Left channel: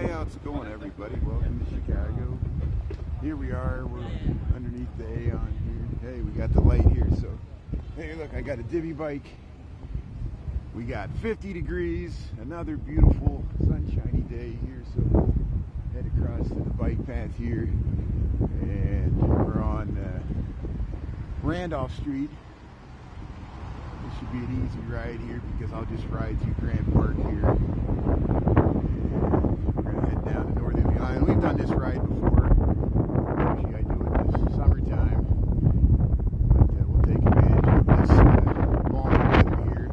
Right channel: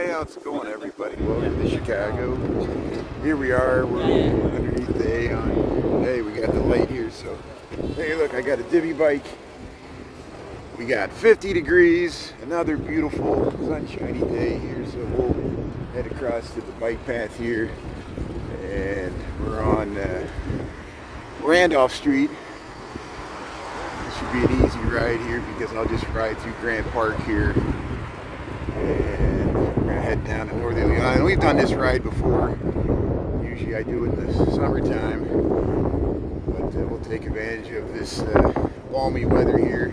Hey, how's it going, everybody? Welcome to Chicago. Here we are, we're underneath the Aon. Hey, we got the light here, so hey, look, I got a divvy bike. We got 50 degrees, another beautiful sunshiny day here, so we'll head across to the bike path here, and we're on Randolph Street. This should be an easy ride here because I'll just ride through Grant Park here. Head down to Northerly. And we've done this ride before. Usually I do it in the summertime, but we'll take advantage of this balmy weather here.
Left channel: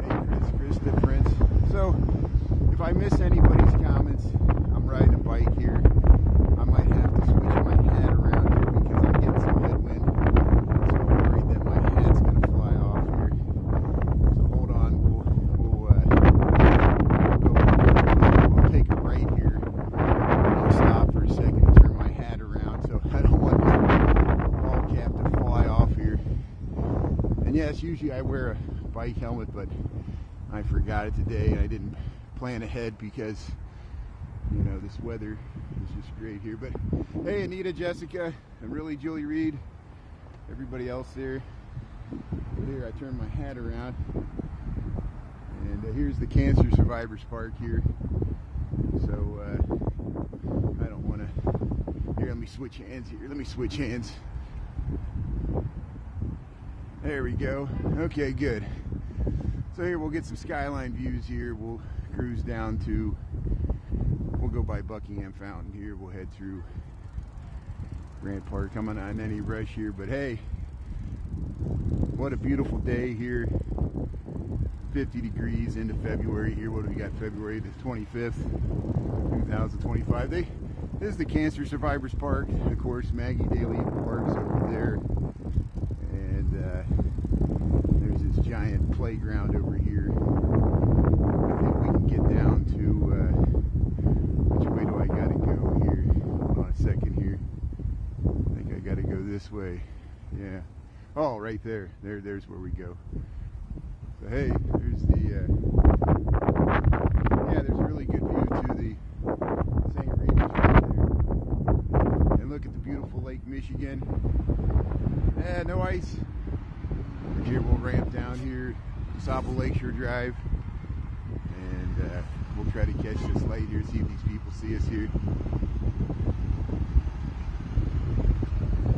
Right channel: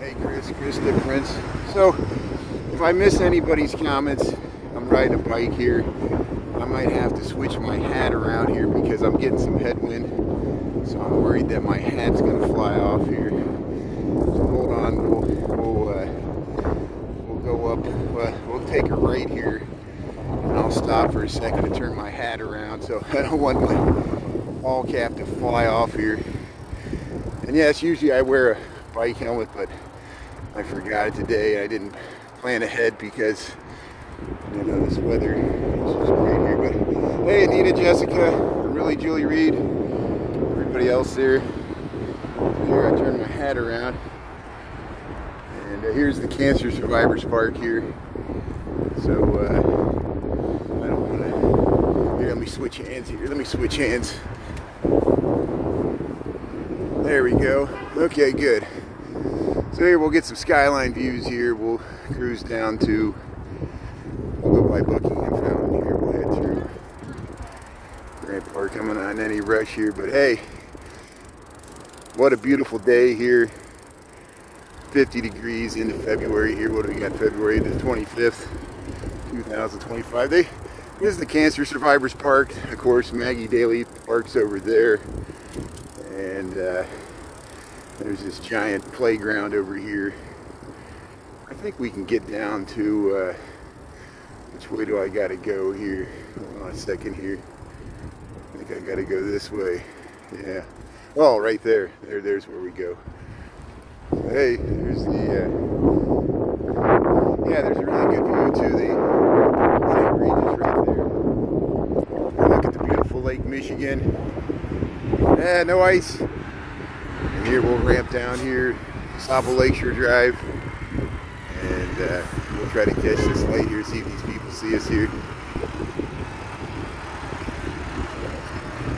Hey Krista, Prince. So if I miss anybody's comments, I'm riding a bike here. I might have to switch my hat around here because I'm getting some headwind, so I'm worried that my hat's gonna fly off here. So hold on, we'll go up, but we'll take a right here. And I'll stop for a second to turn my hat around, so I don't want my ball cap to fly off here. And yes, usually I wear a bike helmet, but I forgot it today. I didn't plan ahead because, you know, this weather is just great here. But hey, Anita, Jessica, and really Julie Reed, everybody else there. Here, I turned my hat around. And here's the Cancer Survivors Park here. So I don't want to. Here, let me switch hands here. Let me switch hands. There we go. Okay, good. So here we'll get some skyline views here. We'll cruise down to. We'll go by Buckingham Fountain here. We'll head through Grant Park. I'm not on any rush here, but hey, what a beautiful day here. 50 degrees into February here. What do we got? February the 25th, 2025. This is the Cancer Survivors Park. Of course, Maggie Daly Park's over there. And there's this giant playground over here. I think we can get down to, which way do I gotta go here? Hold on a second here. I think I gotta go this way. Yeah. Oh, right there. There's where we go. Hey, there's the, yeah, there's a really good view to the St. Regis right there. And look at the beautiful Lake Michigan. Yeah, no ice. And here we'll ramp down here, Sapo Lakeshore Drive. And we'll try to catch this light here, see if these people see us here.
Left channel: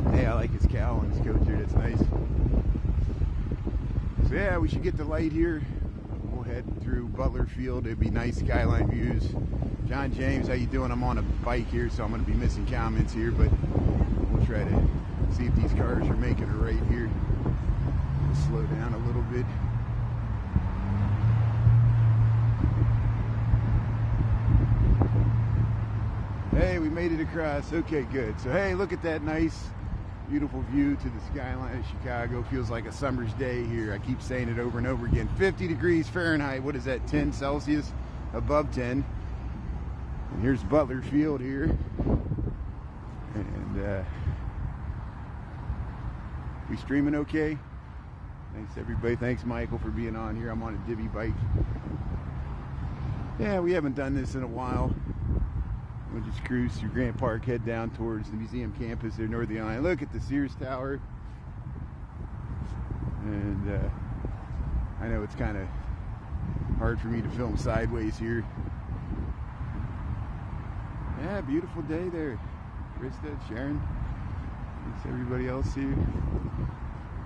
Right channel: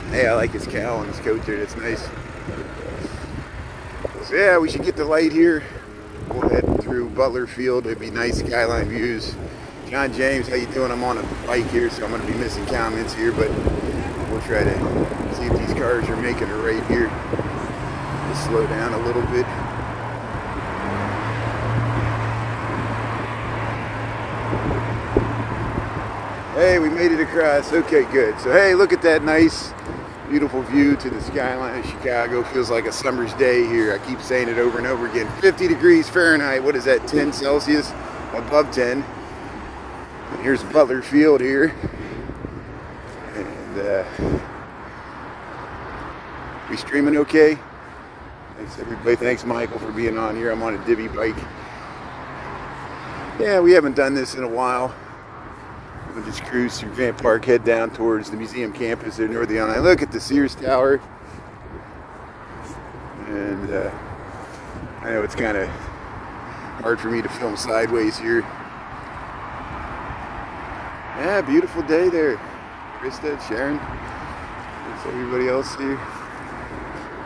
Hey, I like his cowl on his coat there, that's nice. So yeah, we should get the light here. We'll head through Butler Field. It'd be nice skyline views. John James, how you doing? I'm on a bike here, so I'm going to be missing comments here, but we'll try to see if these cars are making a right here. Just slow down a little bit. Hey, we made it across. Okay, good. So hey, look at that nice beautiful view to the skyline of Chicago. Feels like a summer's day here. I keep saying it over and over again. 50 degrees Fahrenheit. What is that? 10 Celsius? Above 10. And here's Butler Field here. And we streaming okay? Thanks everybody. Thanks Michael for being on here. I'm on a divvy bike. Yeah, we haven't done this in a while. We'll just cruise through Grant Park, head down towards the museum campus there, Northerly. I look at the Sears Tower, and I know it's kind of hard for me to film sideways here. Yeah, beautiful day there. Krista, Sharon, there's everybody else here.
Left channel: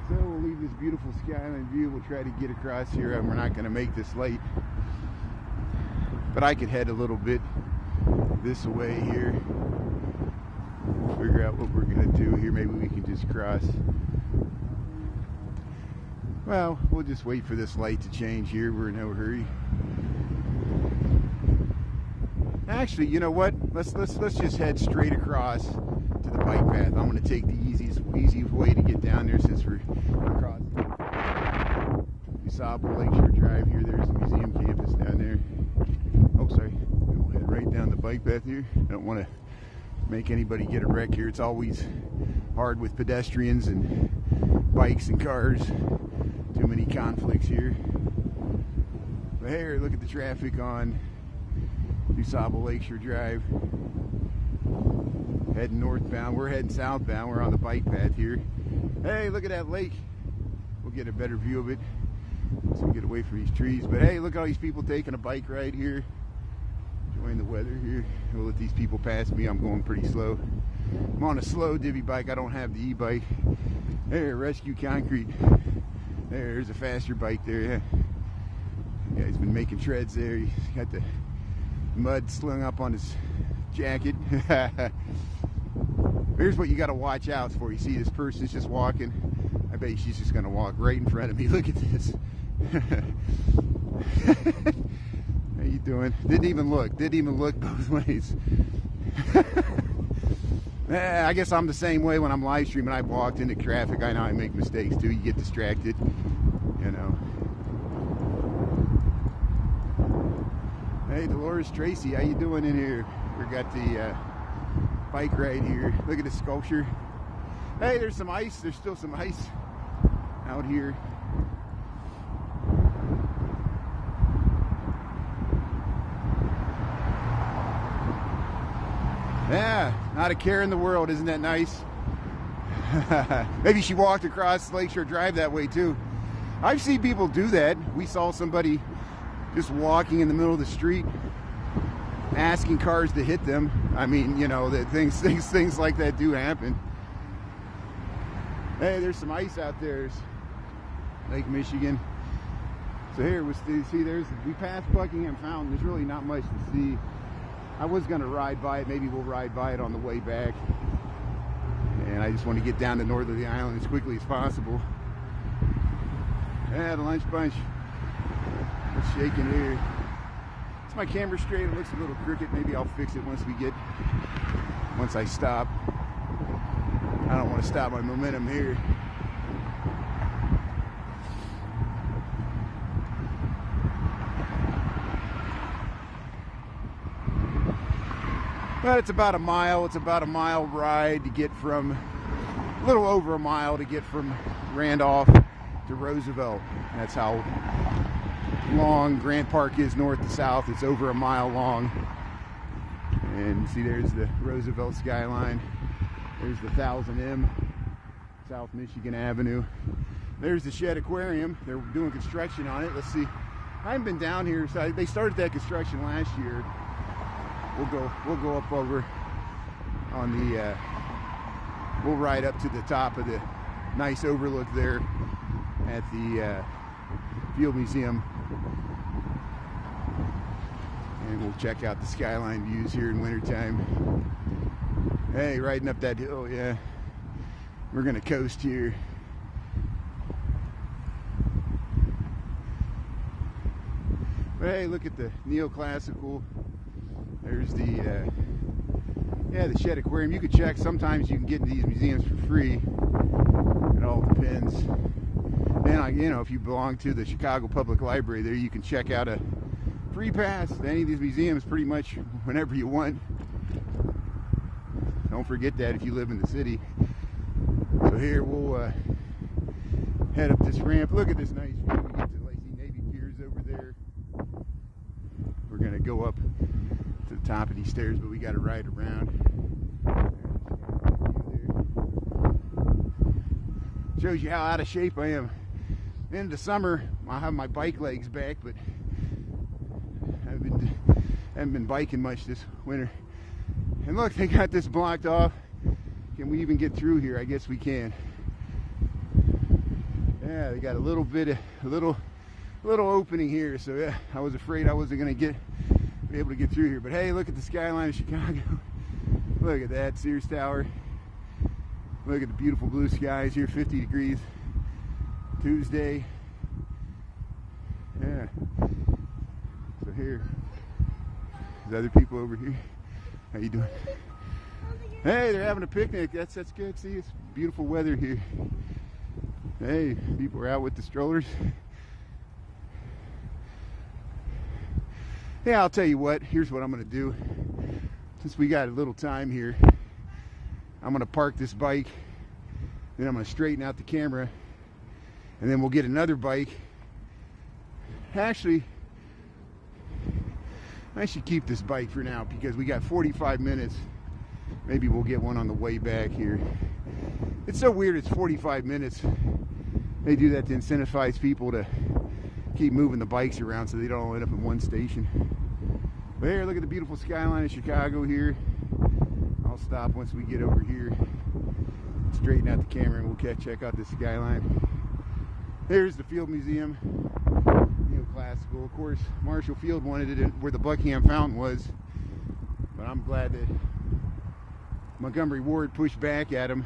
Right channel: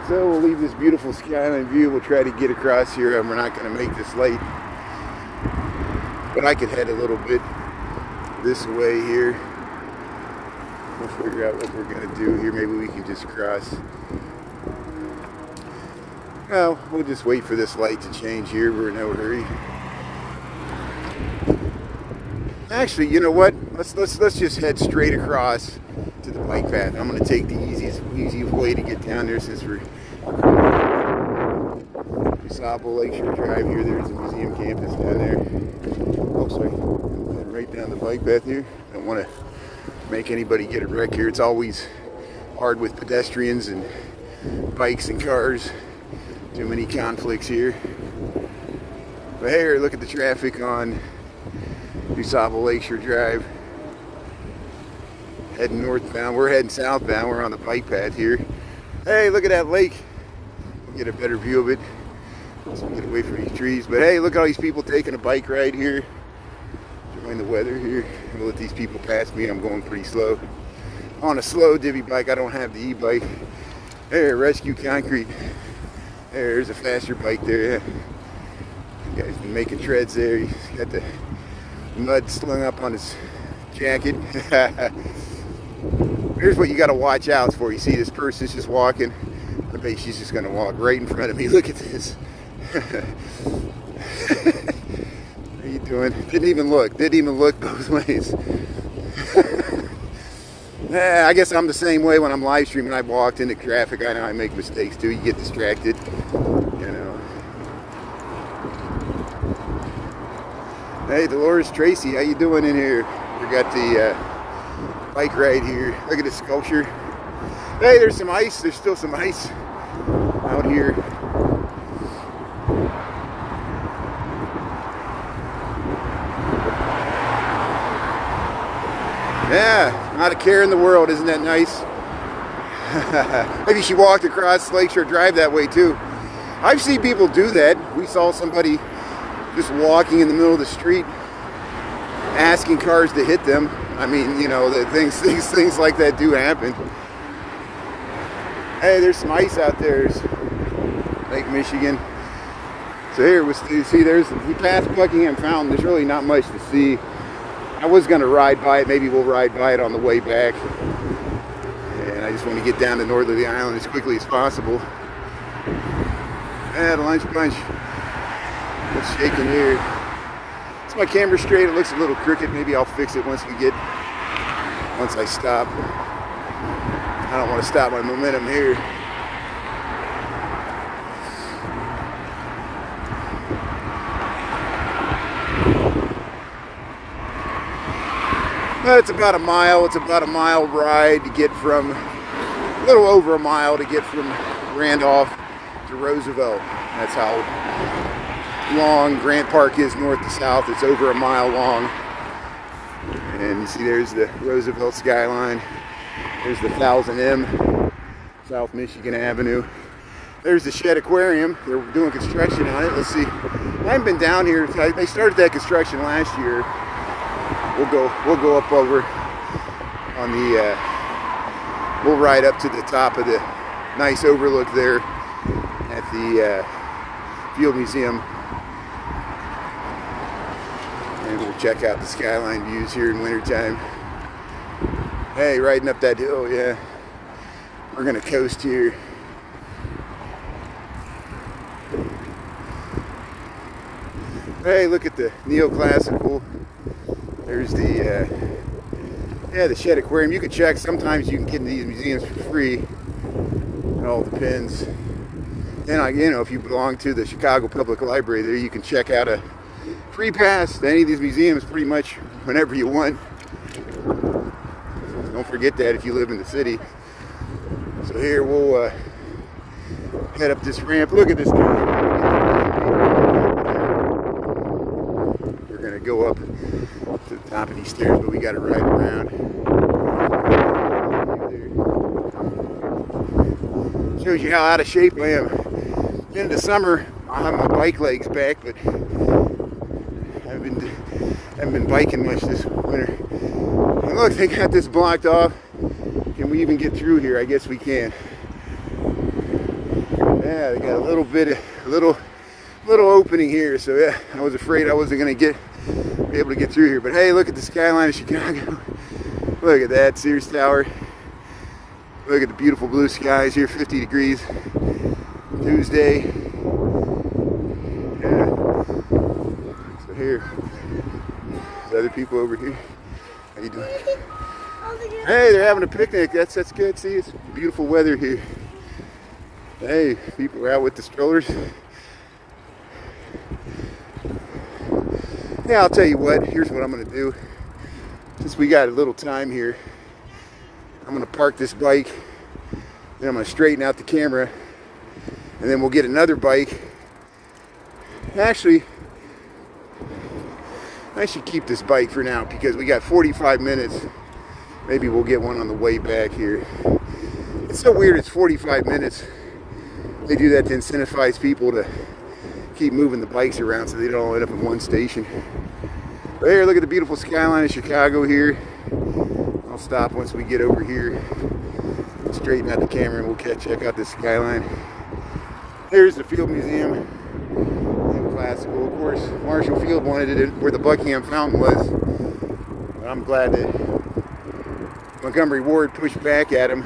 So we'll leave this beautiful skyline view. We'll try to get across here, and we're not going to make this late. But I could head a little bit this way here. We'll figure out what we're going to do here. Maybe we can just cross. Well, we'll just wait for this light to change here. We're in no hurry. Actually, you know what? Let's just head straight across to the bike path. I'm going to take the easiest way to get down there since we're Sapo Lakeshore Drive here. There's the museum campus down there. Oh, sorry. Head right down the bike path here. Don't want to make anybody get a wreck here. It's always hard with pedestrians and bikes and cars. Too many conflicts here. But here, look at the traffic on DuSable Lakeshore Drive. Heading northbound. We're heading southbound. We're on the bike path here. Hey, look at that lake. We'll get a better view of it. Let's get away from these trees. But hey, look at all these people taking a bike ride here. Enjoying the weather here. We'll let these people pass me. I'm going pretty slow. I'm on a slow divvy bike. I don't have the e-bike. There, Rescue Concrete. There's a faster bike there. Yeah. The guy's been making treads there. He's got the mud slung up on his jacket. Here's what you got to watch out for. You see this person's just walking. I bet she's just going to walk right in front of me. Look at this. How you doing? Didn't even look both ways. I guess I'm the same way when I'm live streaming. I walked into traffic. I know I make mistakes too. You get distracted, you know. Hey, Dolores Tracy, how you doing in here? We got the bike ride here. Look at the sculpture. Hey, there's some ice. There's still some ice out here. Yeah, not a care in the world. Isn't that nice? Maybe she walked across Lakeshore Drive that way too. I've seen people do that. We saw somebody just walking in the middle of the street asking cars to hit them. I mean, you know, things like that do happen. Hey, there's some ice out there. There's Lake Michigan. So here, we passed Buckingham Fountain. There's really not much to see. I was going to ride by it. Maybe we'll ride by it on the way back. And I just want to get down to Northerly Island as quickly as possible. Yeah, the lunch bunch. What's shaking here? Is my camera straight? It looks a little crooked. Maybe I'll fix it once I stop. I don't want to stop my momentum here. It's about a mile. It's about a mile ride to get from, a little over a mile to get from Randolph to Roosevelt. That's how long Grant Park is north to south. It's over a mile long. And you see there's the Roosevelt skyline. There's the 1000M, South Michigan Avenue. There's the Shed Aquarium. They're doing construction on it. Let's see. I haven't been down here. They started that construction last year. We'll go up over on the, we'll ride up to the top of the nice overlook there at the Field Museum. And we'll check out the skyline views here in wintertime. Hey, riding up that hill, yeah. We're gonna coast here. Hey, look at the neoclassical. There's the, the Shed Aquarium. You can check. Sometimes you can get into these museums for free. It all depends. And you know, if you belong to the Chicago Public Library, there you can check out a free pass to any of these museums pretty much whenever you want. Don't forget that if you live in the city. So here we'll head up this ramp. Look at this guy. We're gonna go up to the top of these stairs, but we got to ride around. Shows you how out of shape I am. In the summer, I'll have my bike legs back, but I haven't been biking much this winter. And look, they got this blocked off. Can we even get through here? I guess we can. Yeah, they got a little opening here, so yeah, I was afraid I wasn't gonna be able to get through here. But hey, look at the skyline of Chicago. Look at that Sears Tower. Look at the beautiful blue skies here, 50 degrees. Tuesday. Yeah. So here, there's other people over here. How you doing? Hey, they're having a picnic. That's good. See, it's beautiful weather here. Hey, people are out with the strollers. Yeah, I'll tell you what. Here's what I'm going to do. Since we got a little time here, I'm going to park this bike. Then I'm going to straighten out the camera. And then we'll get another bike. Actually, I should keep this bike for now because we got 45 minutes. Maybe we'll get one on the way back here. It's so weird, it's 45 minutes. They do that to incentivize people to keep moving the bikes around so they don't all end up in one station. But here, look at the beautiful skyline of Chicago here. I'll stop once we get over here. Straighten out the camera and we'll check out this skyline. Here's the Field Museum. Classical. Of course, Marshall Field wanted it where the Buckingham Fountain was. But I'm glad that Montgomery Ward pushed back at him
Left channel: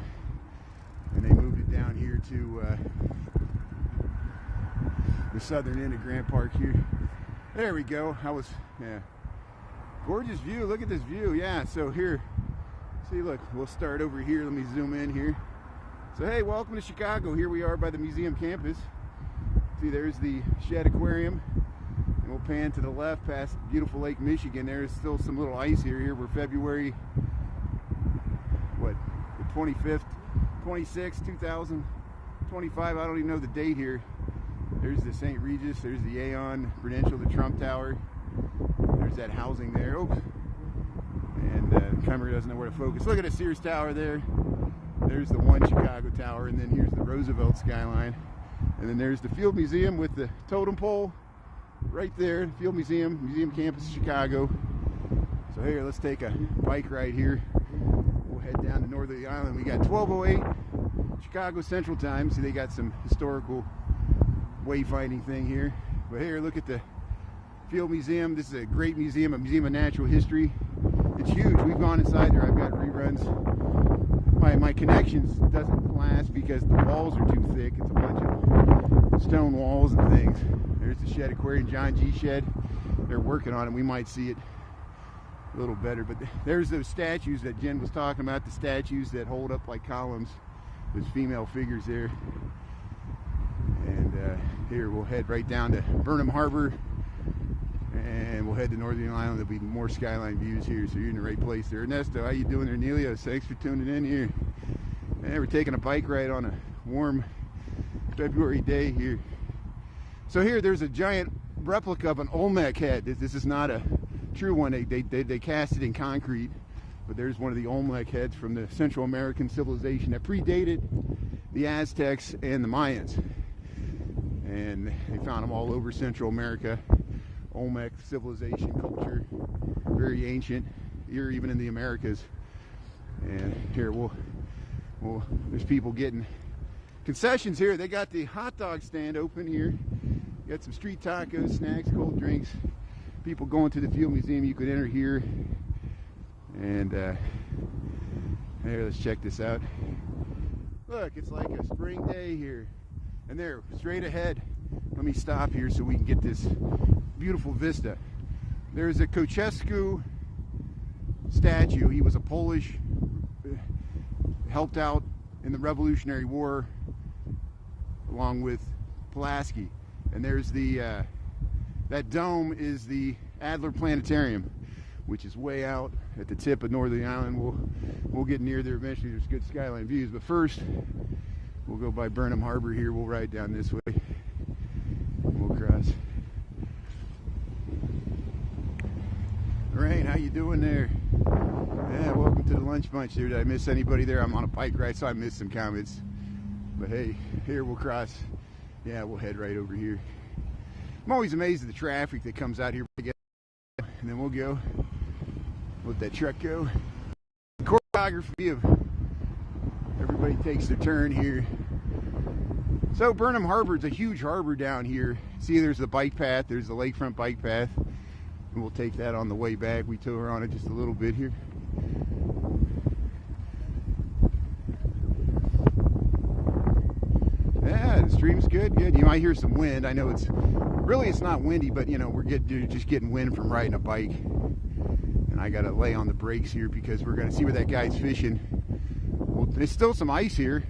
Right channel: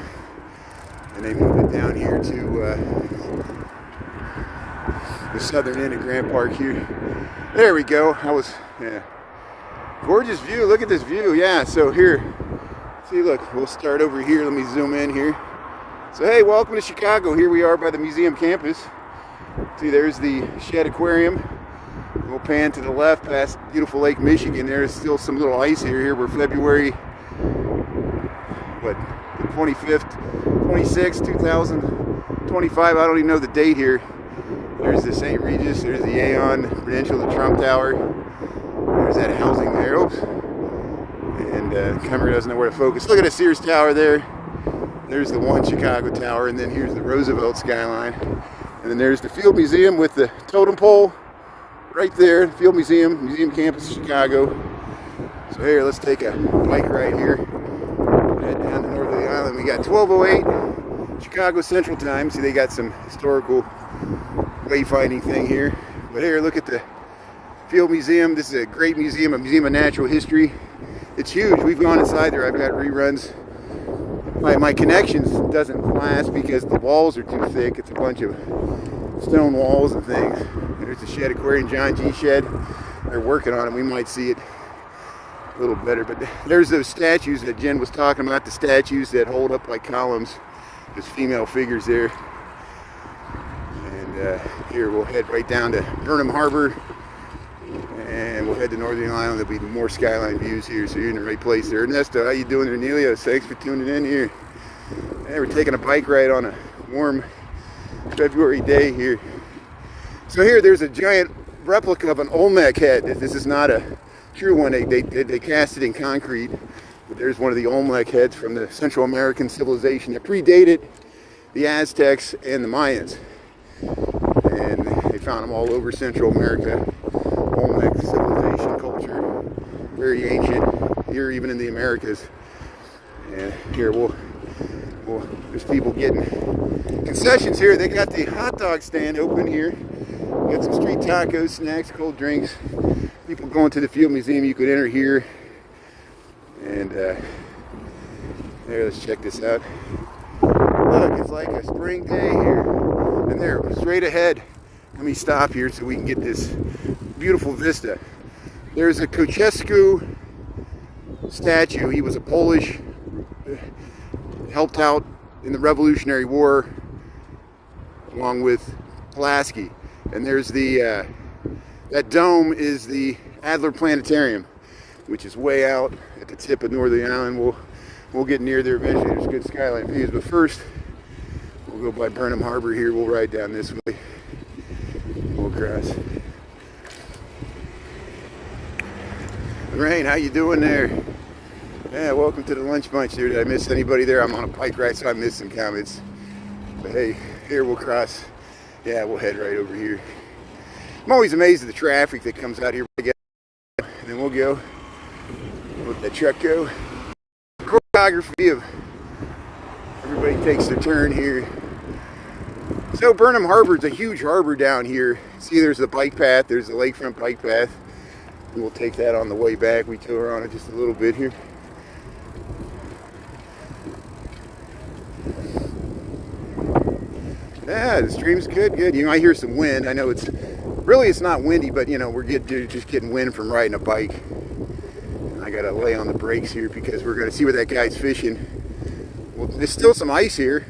and they moved it down here to the southern end of Grant Park here. There we go. Yeah. Gorgeous view. Look at this view. Yeah, so here, see, look, we'll start over here. Let me zoom in here. So, hey, welcome to Chicago. Here we are by the museum campus. See, there's the Shed Aquarium. We'll pan to the left past beautiful Lake Michigan. There's still some little ice here. Here we're February, what, the 25th, 26th, 2025. I don't even know the date here. There's the St. Regis. There's the Aon Prudential, the Trump Tower. There's that housing there. Oops. And camera doesn't know where to focus. Look at the Sears Tower there. There's the One Chicago Tower. And then here's the Roosevelt skyline. And then there's the Field Museum with the totem pole right there. Field Museum, Museum Campus, Chicago. So here, let's take a bike ride here. Head down to Northerly Island. We got 12:08 Chicago Central Time. See, they got some historical wayfinding thing here. But here, look at the Field Museum. This is a great museum, a museum of natural history. It's huge. We've gone inside there. I've got reruns. My connections doesn't last because the walls are too thick. It's a bunch of stone walls and things. There's the Shed Aquarium, John G. Shed. They're working on it. We might see it a little better. But there's those statues that Jen was talking about, the statues that hold up like columns. There's female figures there. And here we'll head right down to Burnham Harbor. And we'll head to Northern Island. There'll be more skyline views here, so you're in the right place there. Ernesto, how you doing there? Nelios, thanks for tuning in here. Hey, we're taking a bike ride on a warm February day here. So here, there's a giant replica of an Olmec head. This is not a true one. They cast it in concrete. But there's one of the Olmec heads from the Central American civilization that predated the Aztecs and the Mayans. And they found them all over Central America. Olmec civilization, culture, very ancient, here even in the Americas. And here there's people getting concessions here. They got the hot dog stand open here. Got some street tacos, snacks, cold drinks. People going to the Field Museum, you could enter here. And here, let's check this out. Look, it's like a spring day here. And there, straight ahead. Let me stop here so we can get this beautiful vista. There's a Kochesku statue. He was a Polish, helped out in the Revolutionary War along with Pulaski. And there's the that dome is the Adler Planetarium, which is way out at the tip of Northerly Island. We'll get near there eventually. There's good skyline views, but first we'll go by Burnham Harbor here. We'll ride down this way. We'll cross. Lorraine, how you doing there? Yeah, welcome to the lunch bunch here. Did I miss anybody there? I'm on a bike ride, so I missed some comments. But hey, here we'll cross. Yeah, we'll head right over here. I'm always amazed at the traffic that comes out here. And then we'll go. Let that truck go. Choreography of everybody takes their turn here. So Burnham Harbor is a huge harbor down here. See, there's the bike path. There's the Lakefront bike path. We'll take that on the way back. We tour on it just a little bit here. Yeah, the stream's good. You might hear some wind. I know it's not windy, but you know, we're just getting wind from riding a bike. And I gotta lay on the brakes here because we're gonna see where that guy's fishing. Well, there's still some ice here.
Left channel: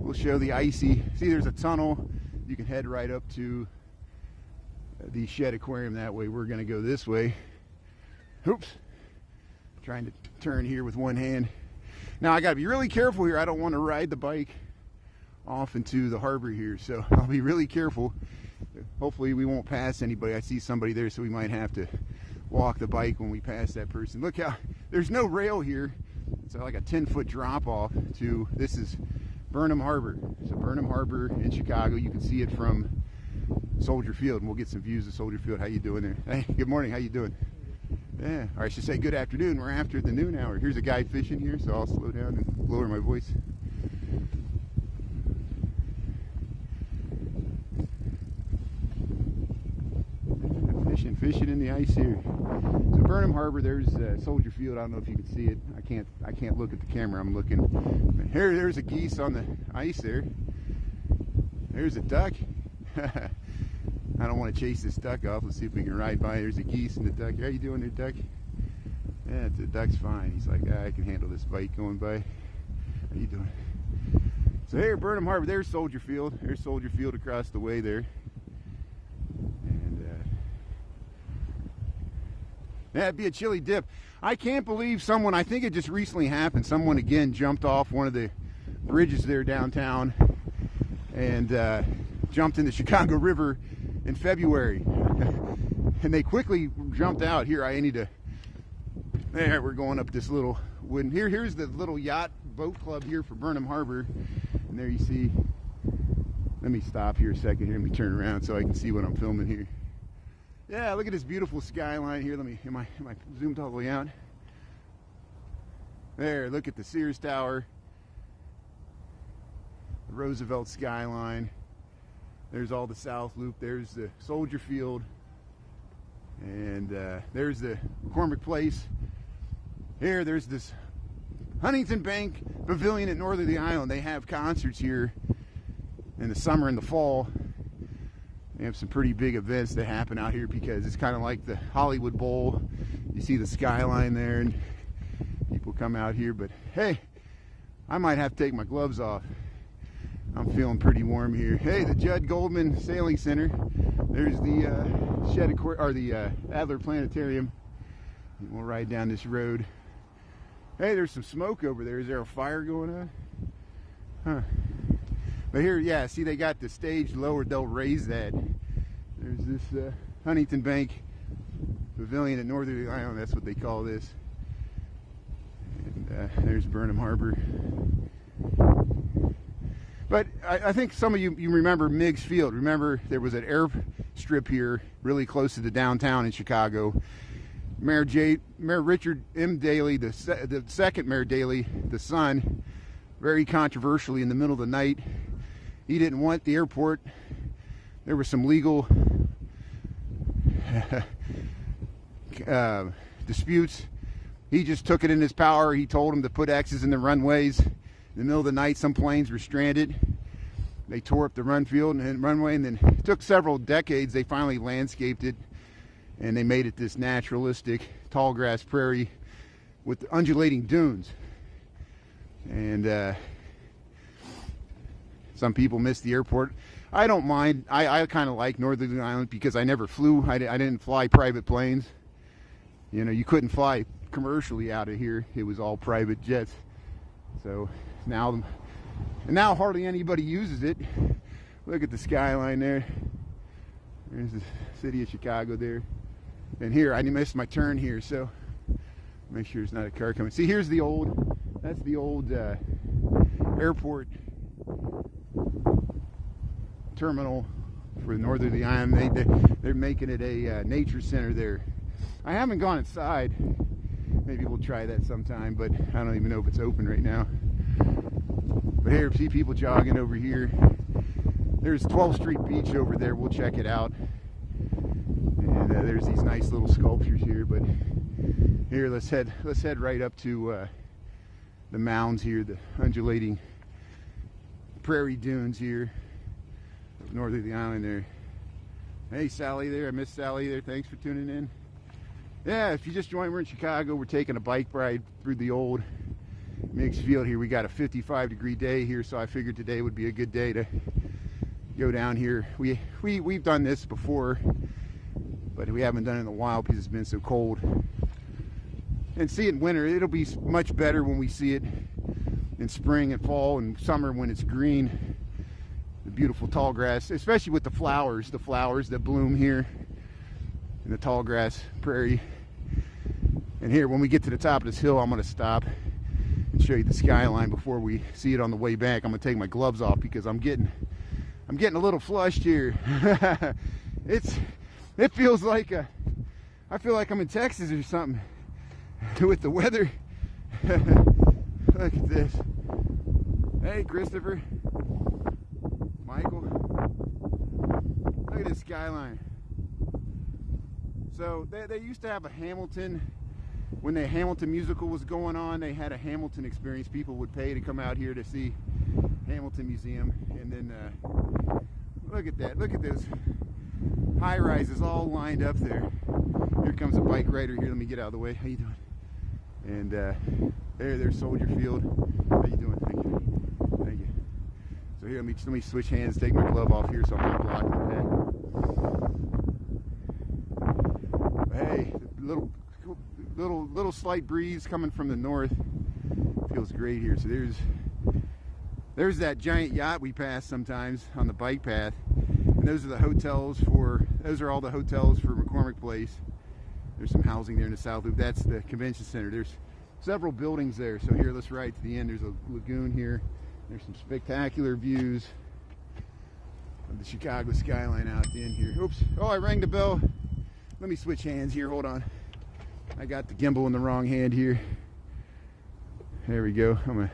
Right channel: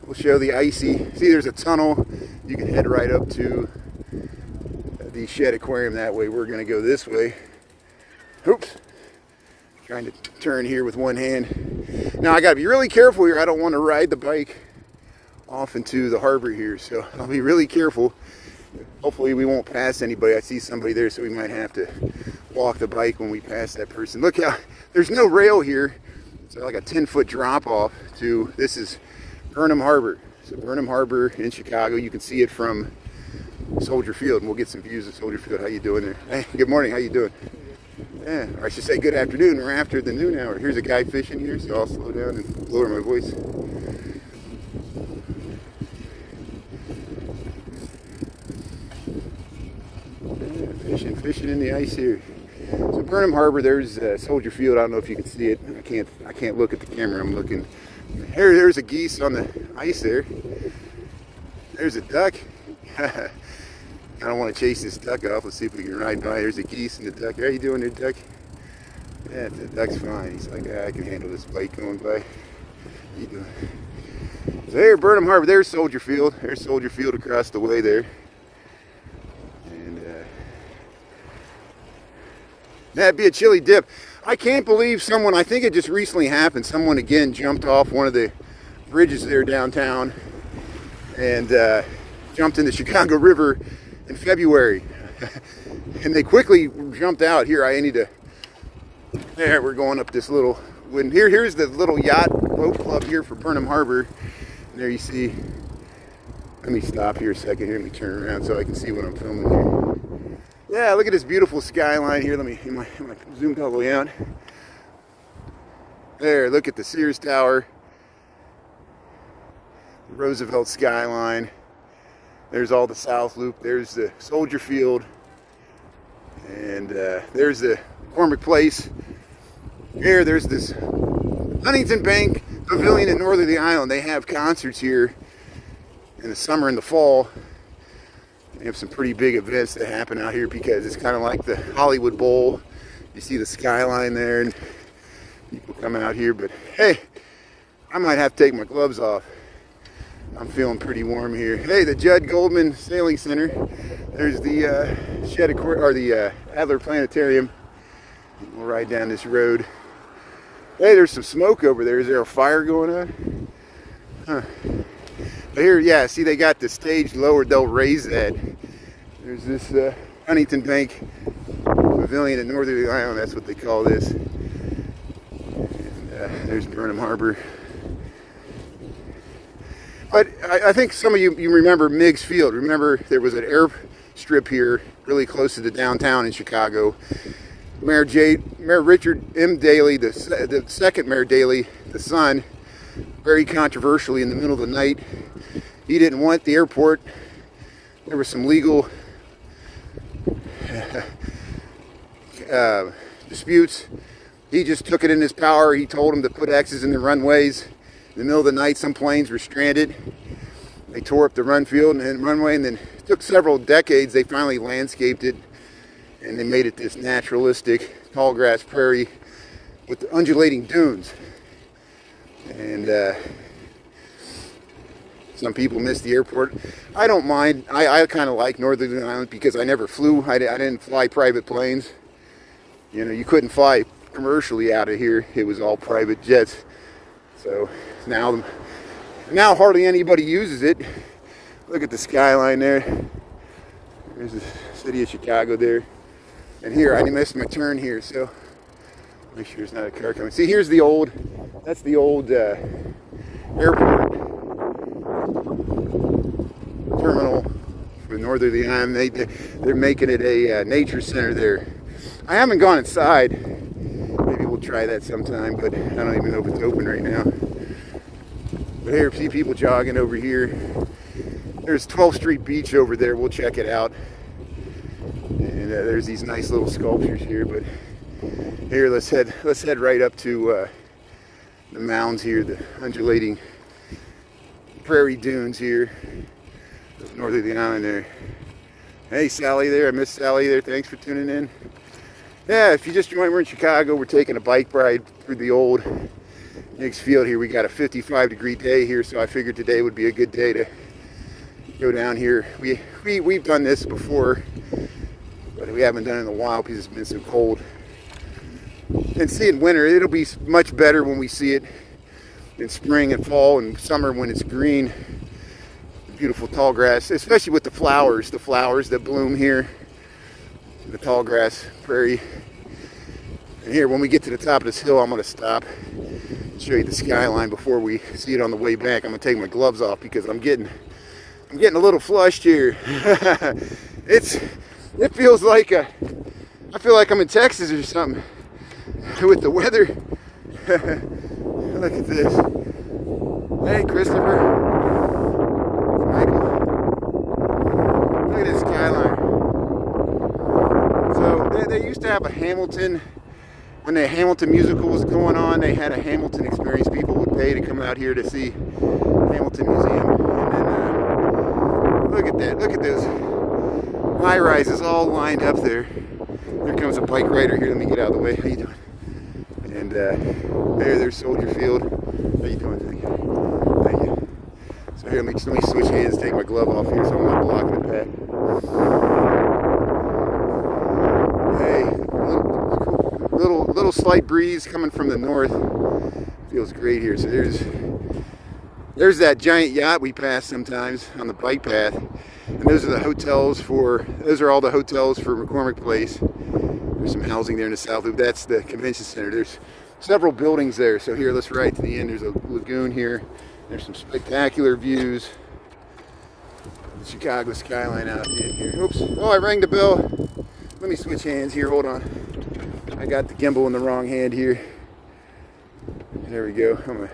We'll show the icy. See, there's a tunnel. You can head right up to the Shed Aquarium that way. We're going to go this way. Oops. Trying to turn here with one hand. Now, I got to be really careful here. I don't want to ride the bike off into the harbor here. So I'll be really careful. Hopefully we won't pass anybody. I see somebody there, so we might have to walk the bike when we pass that person. Look how there's no rail here. It's like a 10-foot drop off to, this is Burnham Harbor. So Burnham Harbor in Chicago. You can see it from Soldier Field, and we'll get some views of Soldier Field. How you doing there? Hey, good morning. How you doing? Yeah, or I should say good afternoon. We're after the noon hour. Here's a guy fishing here, so I'll slow down and lower my voice. Yeah, fishing in the ice here. So Burnham Harbor, there's Soldier Field. I don't know if you can see it. I can't look at the camera. I'm looking. There's a geese on the ice there. There's a duck. I don't want to chase this duck off. Let's see if we can ride by. There's a geese and the duck. How you doing there, duck? Yeah, the duck's fine. He's like, I can handle this bike going by. How you doing? So there, Burnham Harbor. There's Soldier Field. There's Soldier Field across the way there. And that'd be a chilly dip. I can't believe someone, I think it just recently happened, someone again jumped off one of the bridges there downtown and jumped in the Chicago River in February. And they quickly jumped out. Here, I need to, there, we're going up this little wooden, here's the little yacht boat club here for Burnham Harbor. And there you see, let me stop here a second here, let me turn around so I can see what I'm filming here. Yeah, look at this beautiful skyline here. Let me, am I zoomed all the way out? There, look at the Sears Tower, the Roosevelt skyline. There's all the South Loop. There's the Soldier Field. And there's the McCormick Place. Here, there's this Huntington Bank Pavilion at Northerly Island. They have concerts here in the summer and the fall. They have some pretty big events that happen out here because it's kind of like the Hollywood Bowl. You see the skyline there and people come out here. But hey, I might have to take my gloves off. I'm feeling pretty warm here. Hey, the Judd Goldman Sailing Center. There's the the Adler Planetarium. We'll ride down this road. Hey, there's some smoke over there. Is there a fire going on? Huh. But here, yeah, see they got the stage lowered. They'll raise that. There's this Huntington Bank Pavilion at Northerly Island. That's what they call this. And there's Burnham Harbor. But I think some of you remember Meigs Field. Remember there was an airstrip here really close to the downtown in Chicago. Mayor Richard M. Daley, the second Mayor Daley, the son, very controversially in the middle of the night, he didn't want the airport. There was some legal disputes. He just took it in his power. He told him to put X's in the runways. In the middle of the night, some planes were stranded. They tore up the runway, and then it took several decades. They finally landscaped it, and they made it this naturalistic tall grass prairie with undulating dunes. And some people miss the airport. I don't mind. I kind of like Northerly Island because I never flew. I didn't fly private planes. You know, you couldn't fly commercially out of here. It was all private jets. So now hardly anybody uses it. Look at the skyline there. There's the city of Chicago there. And here, I missed my turn here, so make sure there's not a car coming. See, here's the old, that's the old airport terminal for Northerly Island. They're making it a nature center there. I haven't gone inside. Maybe we'll try that sometime, but I don't even know if it's open right now. But here, see people jogging over here. There's 12th Street Beach over there. We'll check it out. And there's these nice little sculptures here. But here, let's head right up to the mounds here, the undulating prairie dunes here of Northerly Island there. Hey, Sally there. I miss Sally there. Thanks for tuning in. Yeah, if you just joined, we're in Chicago. We're taking a bike ride through the old Meigs Field here. We got a 55-degree day here, so I figured today would be a good day to go down here. We've done this before, but we haven't done it in a while because it's been so cold. And see it in winter, it'll be much better when we see it in spring and fall and summer when it's green. beautiful tall grass, especially with the flowers that bloom here in the tall grass prairie. And here, when we get to the top of this hill, I'm going to stop and show you the skyline before we see it on the way back. I'm going to take my gloves off because I'm getting a little flushed here. It feels like I feel like I'm in Texas or something with the weather. Look at this. Hey, Christopher. Michael. Look at this skyline. So they used to have a Hamilton. When the Hamilton musical was going on, they had a Hamilton experience. People would pay to come out here to see Hamilton Museum. And then look at that. Look at those high rises all lined up there. Here comes a bike rider here. Let me get out of the way. How you doing? And there's Soldier Field. How you doing? Thank you. Thank you. So here, let me switch hands, take my glove off here so I'm not blocking the path. Hey, little slight breeze coming from the north. Feels great here. So there's that giant yacht we pass sometimes on the bike path. And those are all the hotels for McCormick Place. There's some housing there in the South Loop. That's the convention center. There's several buildings there. So here, let's ride to the end. There's a lagoon here. There's some spectacular views of the Chicago skyline out at the end here. Oops. Oh, I rang the bell. Let me switch hands here. Hold on. I got the gimbal in the wrong hand here. There we go. I'm going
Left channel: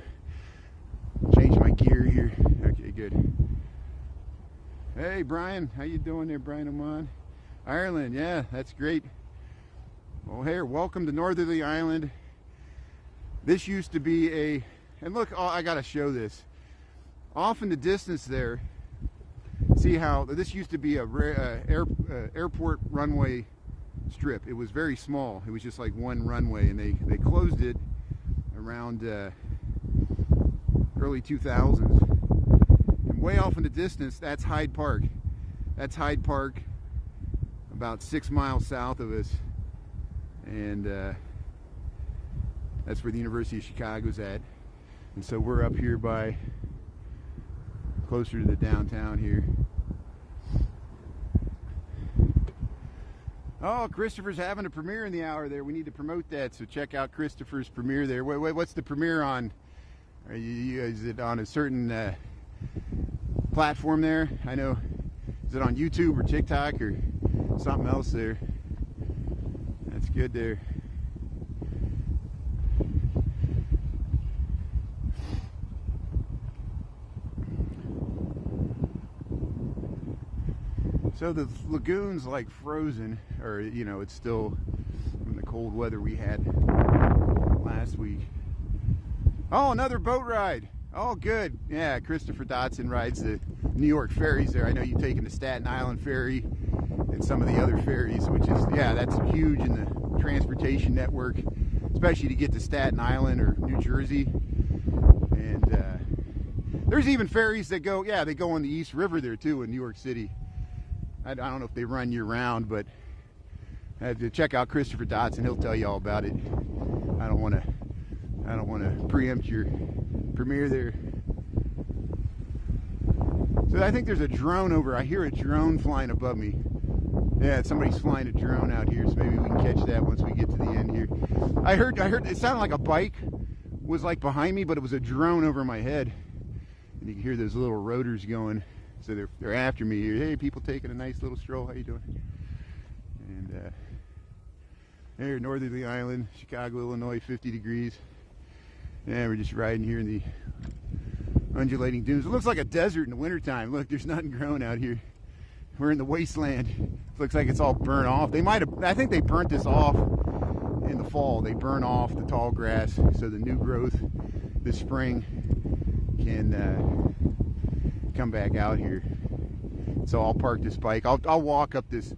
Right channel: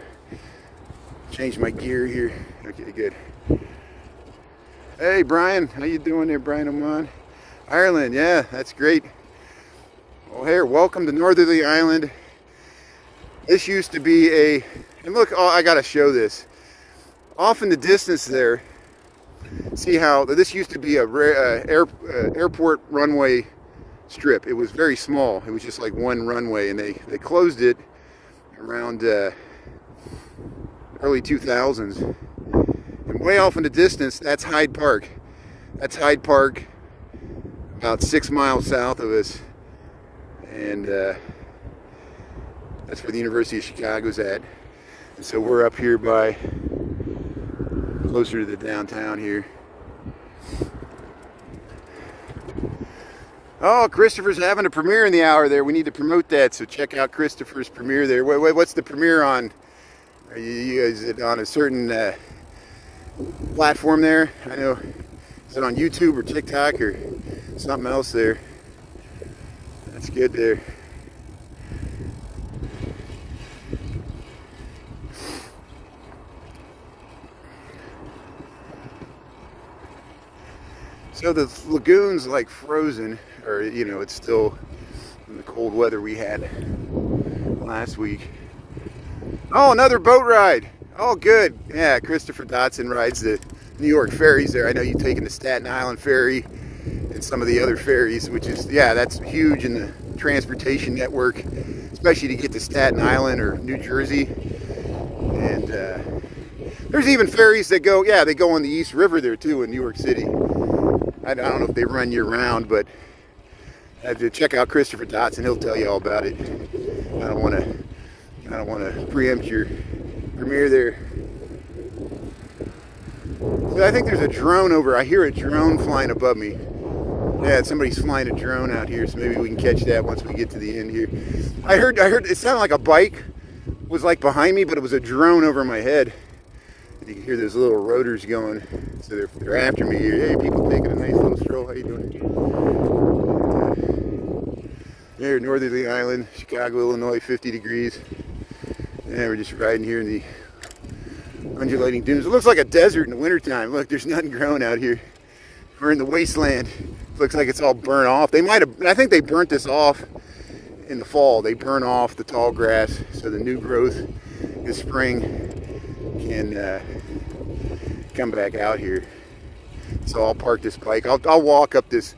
to change my gear here. Okay, good. Hey, Brian. How you doing there, Brian Oman? Ireland. Yeah, that's great. Well, here, welcome to Northerly Island. This used to be and look, oh, I gotta show this. Off in the distance there, see how this used to be a airport runway strip. It was very small. It was just like one runway, and they closed it around early 2000s. And way off in the distance, that's Hyde Park. That's Hyde Park, about 6 miles south of us. And that's where the University of Chicago's at. And so we're up here closer to the downtown here. Oh, Christopher's having a premiere in the hour there. We need to promote that, so check out Christopher's premiere there. What's the premiere on? Is it on a certain platform there? I know. Is it on YouTube or TikTok or something else there? That's good there. So the lagoon's like frozen, or it's still in the cold weather we had last week. Oh, another boat ride. Oh, good. Yeah, Christopher Dotson rides the New York ferries there. I know you've taken the Staten Island ferry and some of the other ferries, which is, yeah, that's huge in the transportation network, especially to get to Staten Island or New Jersey. And there's even ferries that go, yeah, they go on the East River there too in New York City. I don't know if they run year round, but I have to check out Christopher Dotson. He'll tell you all about it. I don't want to preempt your premiere there. So I think there's a drone over. I hear a drone flying above me. Yeah, somebody's flying a drone out here, so maybe we can catch that once we get to the end here. I heard it sounded like a bike was like behind me, but it was a drone over my head. And you can hear those little rotors going, so they're after me here. Hey, people taking a nice little stroll. How you doing? There, Northerly Island, Chicago, Illinois, 50 degrees. And we're just riding here in the undulating dunes. It looks like a desert in the wintertime. Look, there's nothing growing out here. We're in the wasteland. It looks like it's all burnt off. I think they burnt this off in the fall. They burn off the tall grass so the new growth this spring can come back out here. So I'll park this bike. I'll walk up this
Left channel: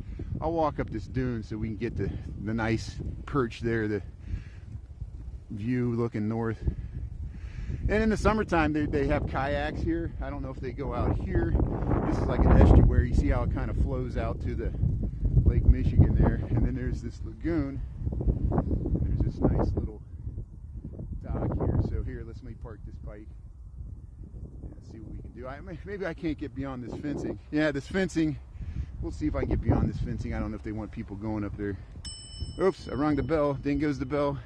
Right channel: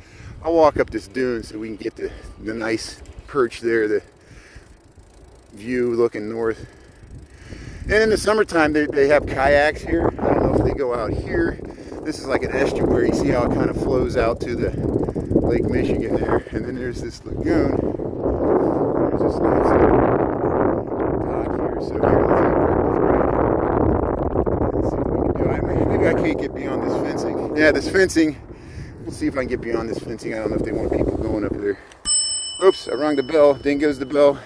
dune so we can get the nice perch there, the view looking north. And in the summertime they have kayaks here. I don't know if they go out here. This is like an estuary. See how it kind of flows out to the Lake Michigan there. And then there's this lagoon. There's this nice dock here. So here, let's see what we can do. I can't get beyond this fencing. Yeah, this fencing. We'll see if I can get beyond this fencing. I don't know if they want people going up there. Oops, I rung the bell. Ding goes the bell.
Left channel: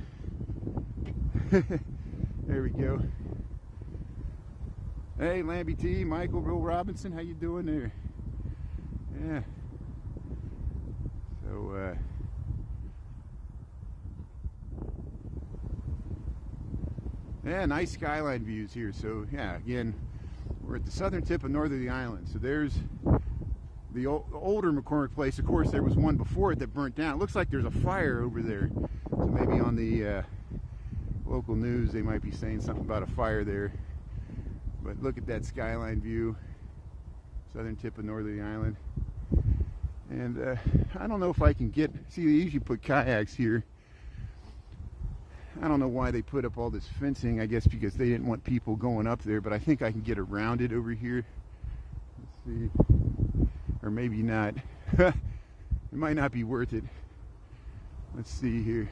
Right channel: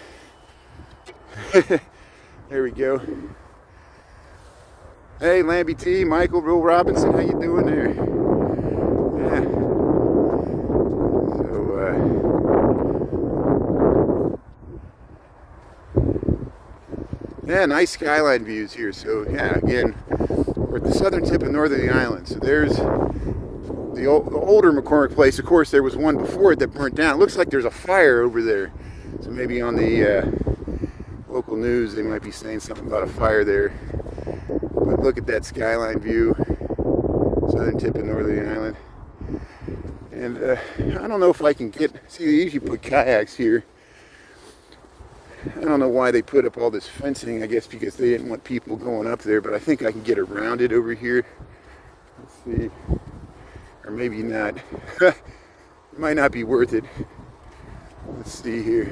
There we go. Hey, Lambie T, Michael, Will Robinson, how you doing there? Yeah. Yeah, nice skyline views here. So yeah, again, we're at the southern tip of Northerly Island. So there's the older McCormick place. Of course, there was one before it that burnt down. It looks like there's a fire over there. So maybe on the local news, they might be saying something about a fire there. But look at that skyline view, southern tip of Northerly Island. And I don't know if I can get, see, they usually put kayaks here. I don't know why they put up all this fencing. I guess because they didn't want people going up there, but I think I can get around it over here. Let's see. Or maybe not. It might not be worth it. Let's see here.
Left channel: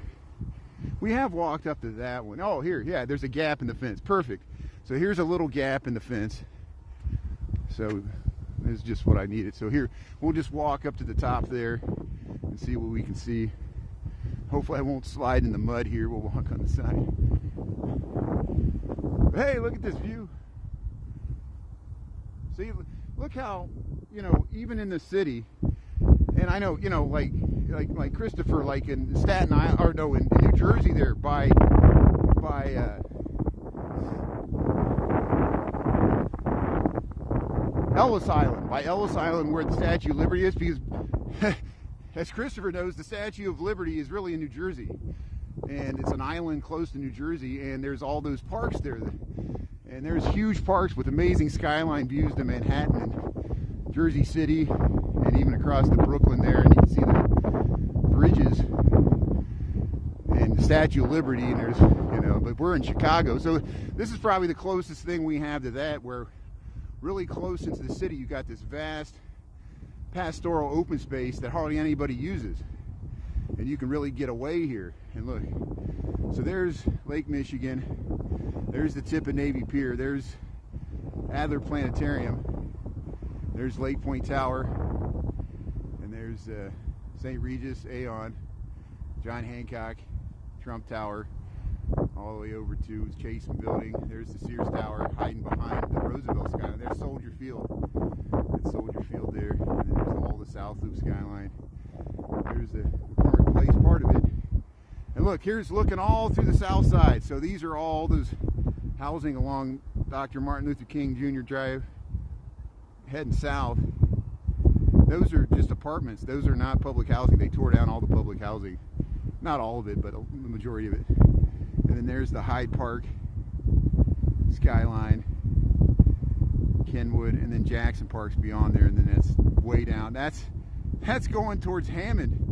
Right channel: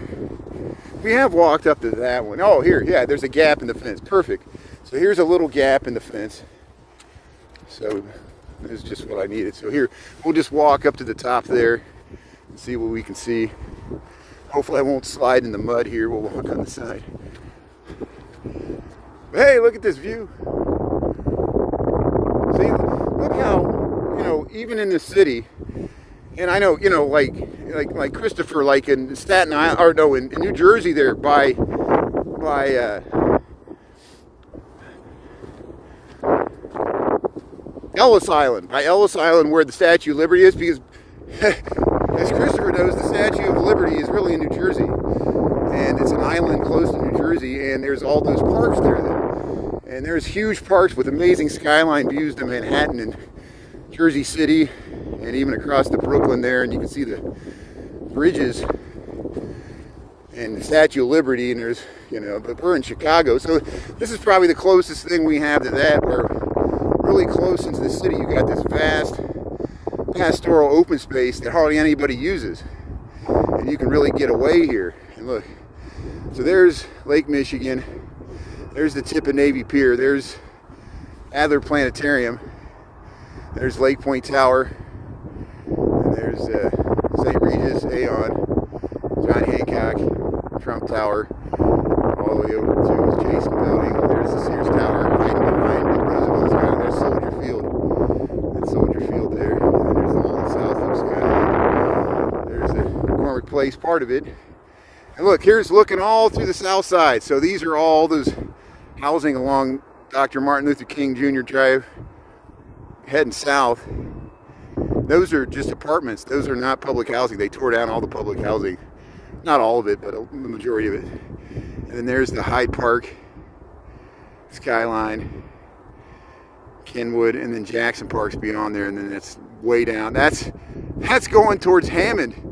We have walked up to that one. Oh, here, yeah, there's a gap in the fence. Perfect. So here's a little gap in the fence. So this is just what I needed. So here, we'll just walk up to the top there and see what we can see. Hopefully I won't slide in the mud here. We'll walk on the side. But hey, look at this view. See, look how, you know, even in the city, and I know, you know, like Christopher, like in Staten Island, or no, in New Jersey there by Ellis Island, where the Statue of Liberty is, because as Christopher knows, the Statue of Liberty is really in New Jersey, and it's an island close to New Jersey, and there's all those parks there, and there's huge parks with amazing skyline views to Manhattan and Jersey City, and even across to Brooklyn there, and you can see the bridges and the Statue of Liberty, and there's, you know, but we're in Chicago, so this is probably the closest thing we have to that, where really close into the city you got this vast pastoral open space that hardly anybody uses, and you can really get away here. And look, so there's Lake Michigan, there's the tip of Navy Pier, there's Adler Planetarium, there's Lake Point Tower, and there's St. Regis, Aon, John Hancock, Trump Tower, all the way over to the Jason Building. There's the Sears Tower hiding behind Roosevelt's Island. There's Soldier Field. That's Soldier Field there. And there's the whole south of skyline. There's the McCormick Place, part of it. And look, here's looking all through the south side. So these are all those housing along Dr. Martin Luther King Jr. Drive, heading south. Those are just apartments. Those are not public housing. They tore down all the public housing. Not all of it, but the majority of it. And then there's the Hyde Park skyline, Kenwood, and then Jackson Park's beyond there, and then it's way down. That's going towards Hammond.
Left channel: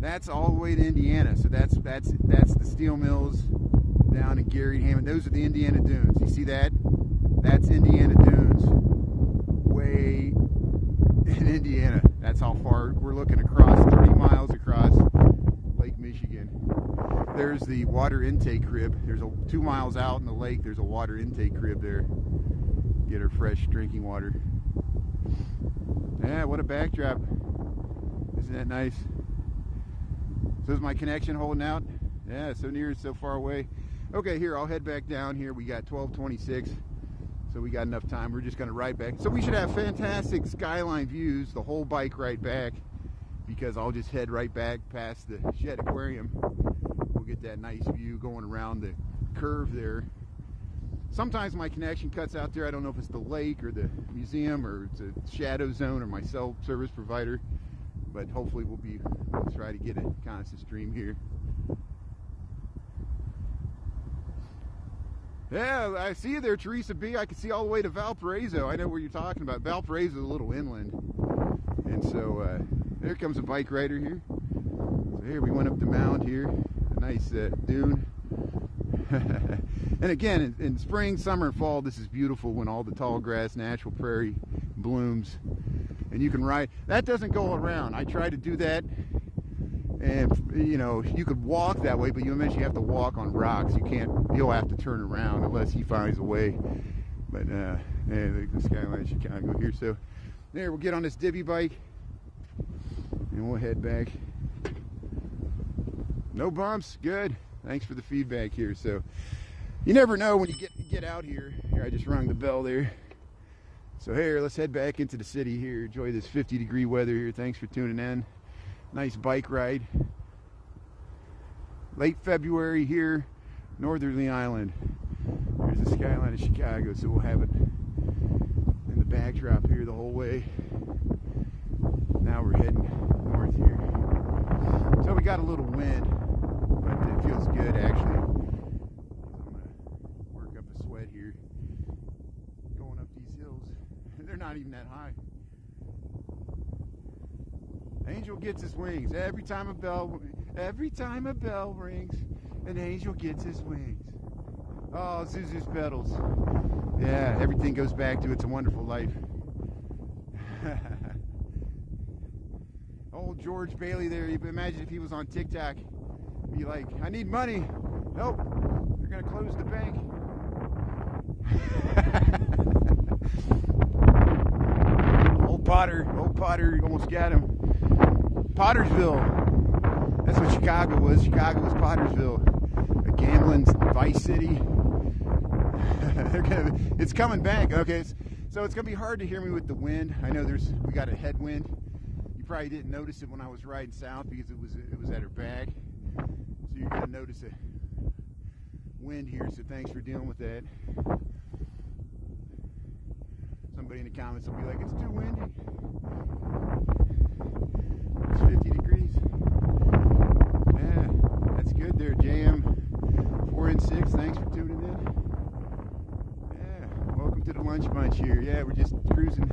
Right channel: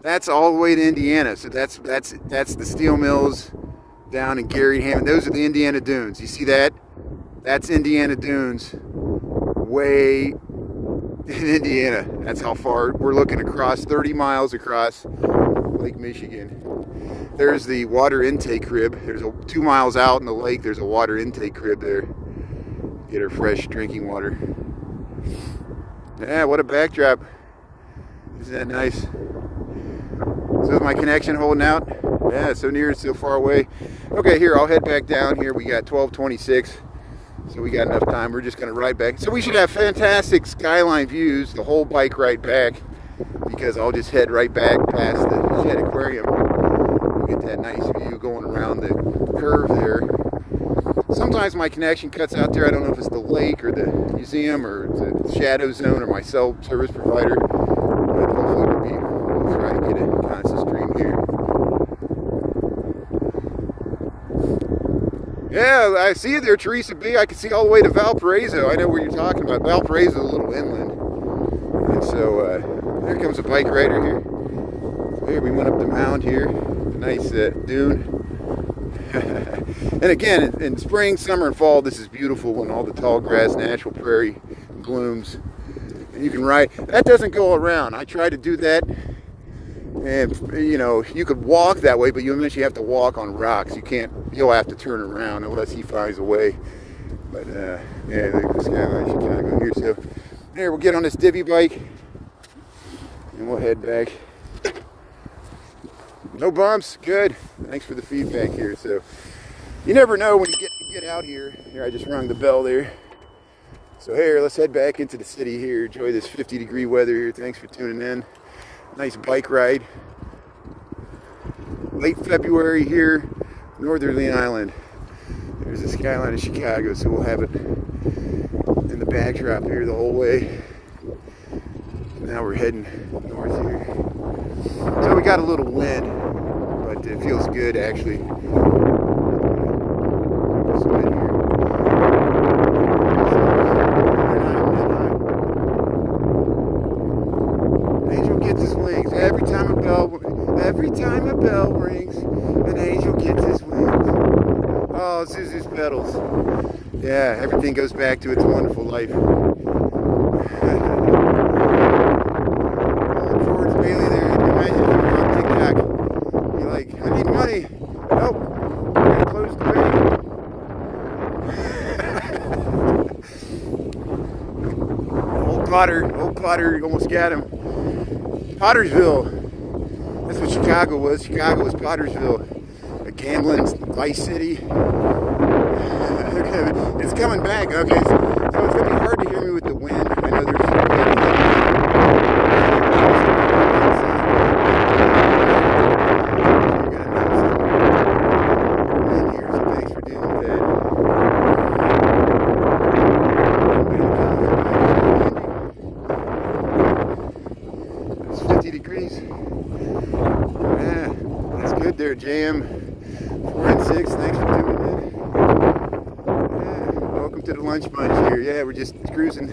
That's all the way to Indiana. So that's the steel mills down in Gary, Hammond. Those are the Indiana Dunes. You see that? That's Indiana Dunes, way in Indiana. That's how far we're looking across, 30 miles across Lake Michigan. There's the water intake crib. There's 2 miles out in the lake. There's a water intake crib there. Get our fresh drinking water. Yeah, what a backdrop. Isn't that nice? So is my connection holding out? Yeah, so near, so far away. Okay, here, I'll head back down here. We got 12:26, so we got enough time. We're just gonna ride back. So we should have fantastic skyline views the whole bike ride back, because I'll just head right back past the Shed Aquarium. We'll get that nice view going around the curve there. Sometimes my connection cuts out there. I don't know if it's the lake or the museum or the shadow zone or my cell service provider, but hopefully we'll try to get a constant stream here. Yeah, I see you there, Teresa B. I can see all the way to Valparaiso. I know where you're talking about. Valparaiso is a little inland. And so there comes a bike rider here. So here we went up the mound here. Nice dune. And again, in spring, summer, and fall, this is beautiful when all the tall grass, natural prairie blooms. And you can ride. That doesn't go around. I tried to do that. And, you know, you could walk that way, but you eventually have to walk on rocks. You can't, you'll have to turn around unless he finds a way. But Yeah, there's the skyline Chicago here. So there, we'll get on this divvy bike and we'll head back. No bumps, good. Thanks for the feedback here. So you never know when you get out here. Here, I just rung the bell there. So here, let's head back into the city here. Enjoy this 50-degree weather here. Thanks for tuning in. Nice bike ride. Late February here, Northerly Island. There's the skyline of Chicago, so we'll have it in the backdrop here the whole way. Now we're heading north here. So we got a little wind, but it feels good actually. Angel gets his wings. Every time a bell rings, an angel gets his wings. Oh, Zuzu's pedals. Yeah, everything goes back to its wonderful life. George Bailey there. Imagine if you were on TikTok. You're like, I need money. Nope. Gotta close the bank. Old Potter almost got him. Pottersville. That's what Chicago was. Chicago was Pottersville. A gambling vice city. It's coming back. Okay, so it's going to be hard to hear me with the wind. I know there's thanks for dealing with that. It's 50 degrees. Yeah, that's good there, JM. 4 and 6, thanks for tuning in. Yeah, welcome to the lunch bunch here. Yeah, we're just cruising.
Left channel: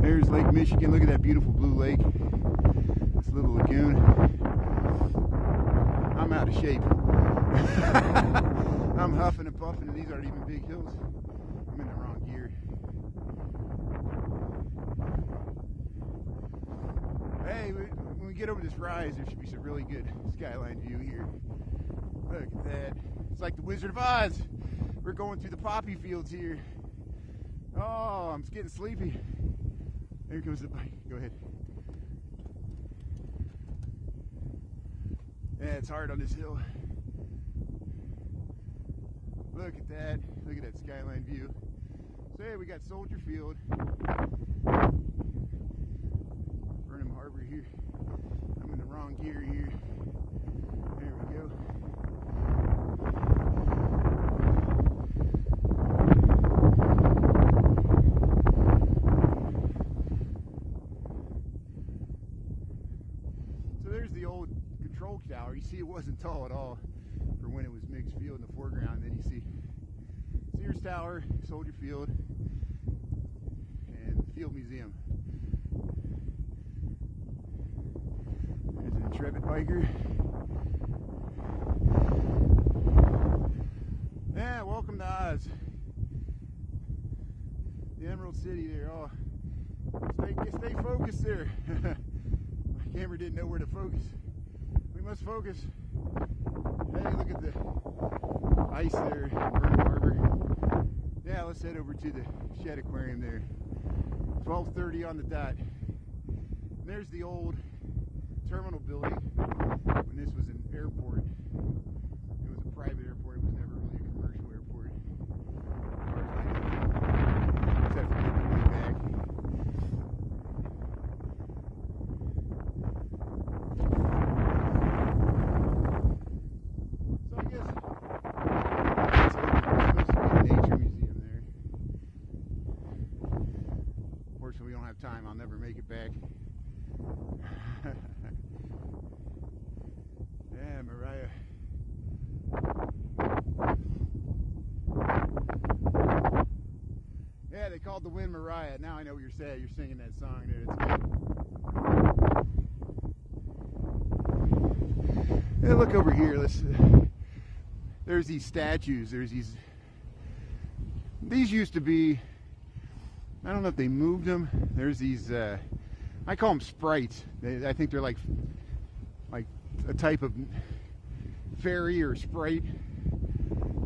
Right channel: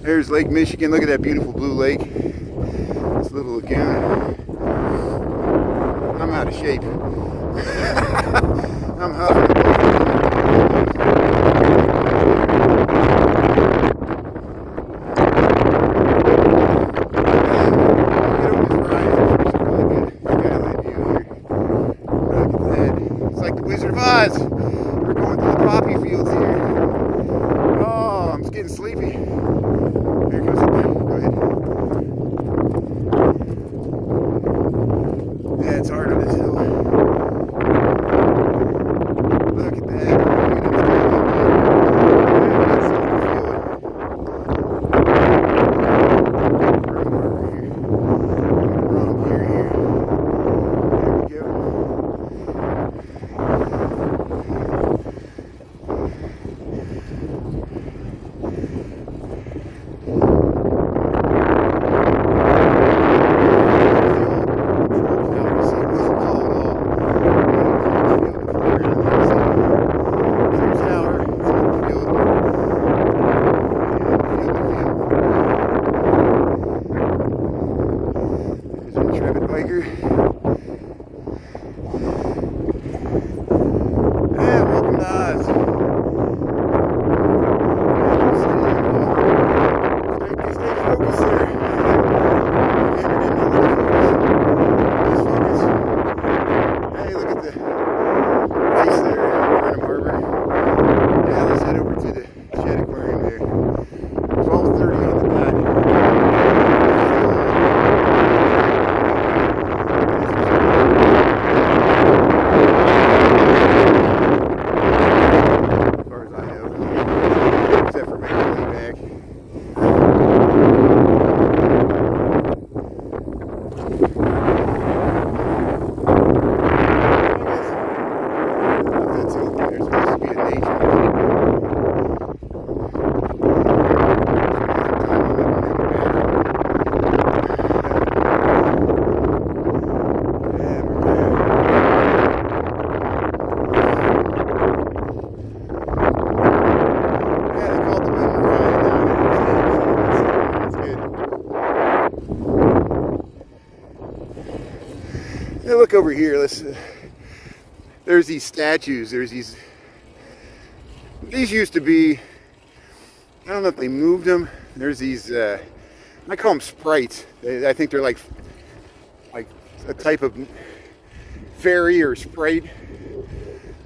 There's Lake Michigan. Look at that beautiful blue lake. This little lagoon. I'm out of shape. I'm huffing. Wizard of Oz. We're going through the poppy fields here. Oh, I'm getting sleepy. Here goes it. Go ahead. Yeah, it's hard on this hill. Look at that. Biker. Yeah, welcome to Oz. Stay focused there. Just focus. Hey, look at the ice there, Burnham Harbor. Yeah, let's head over to the Shed Aquarium there. 12:30 on the dot. Now look over here. There's these statues. These used to be, I don't know if they moved them. There's these, I call them sprites. I think they're like a type of fairy or sprite.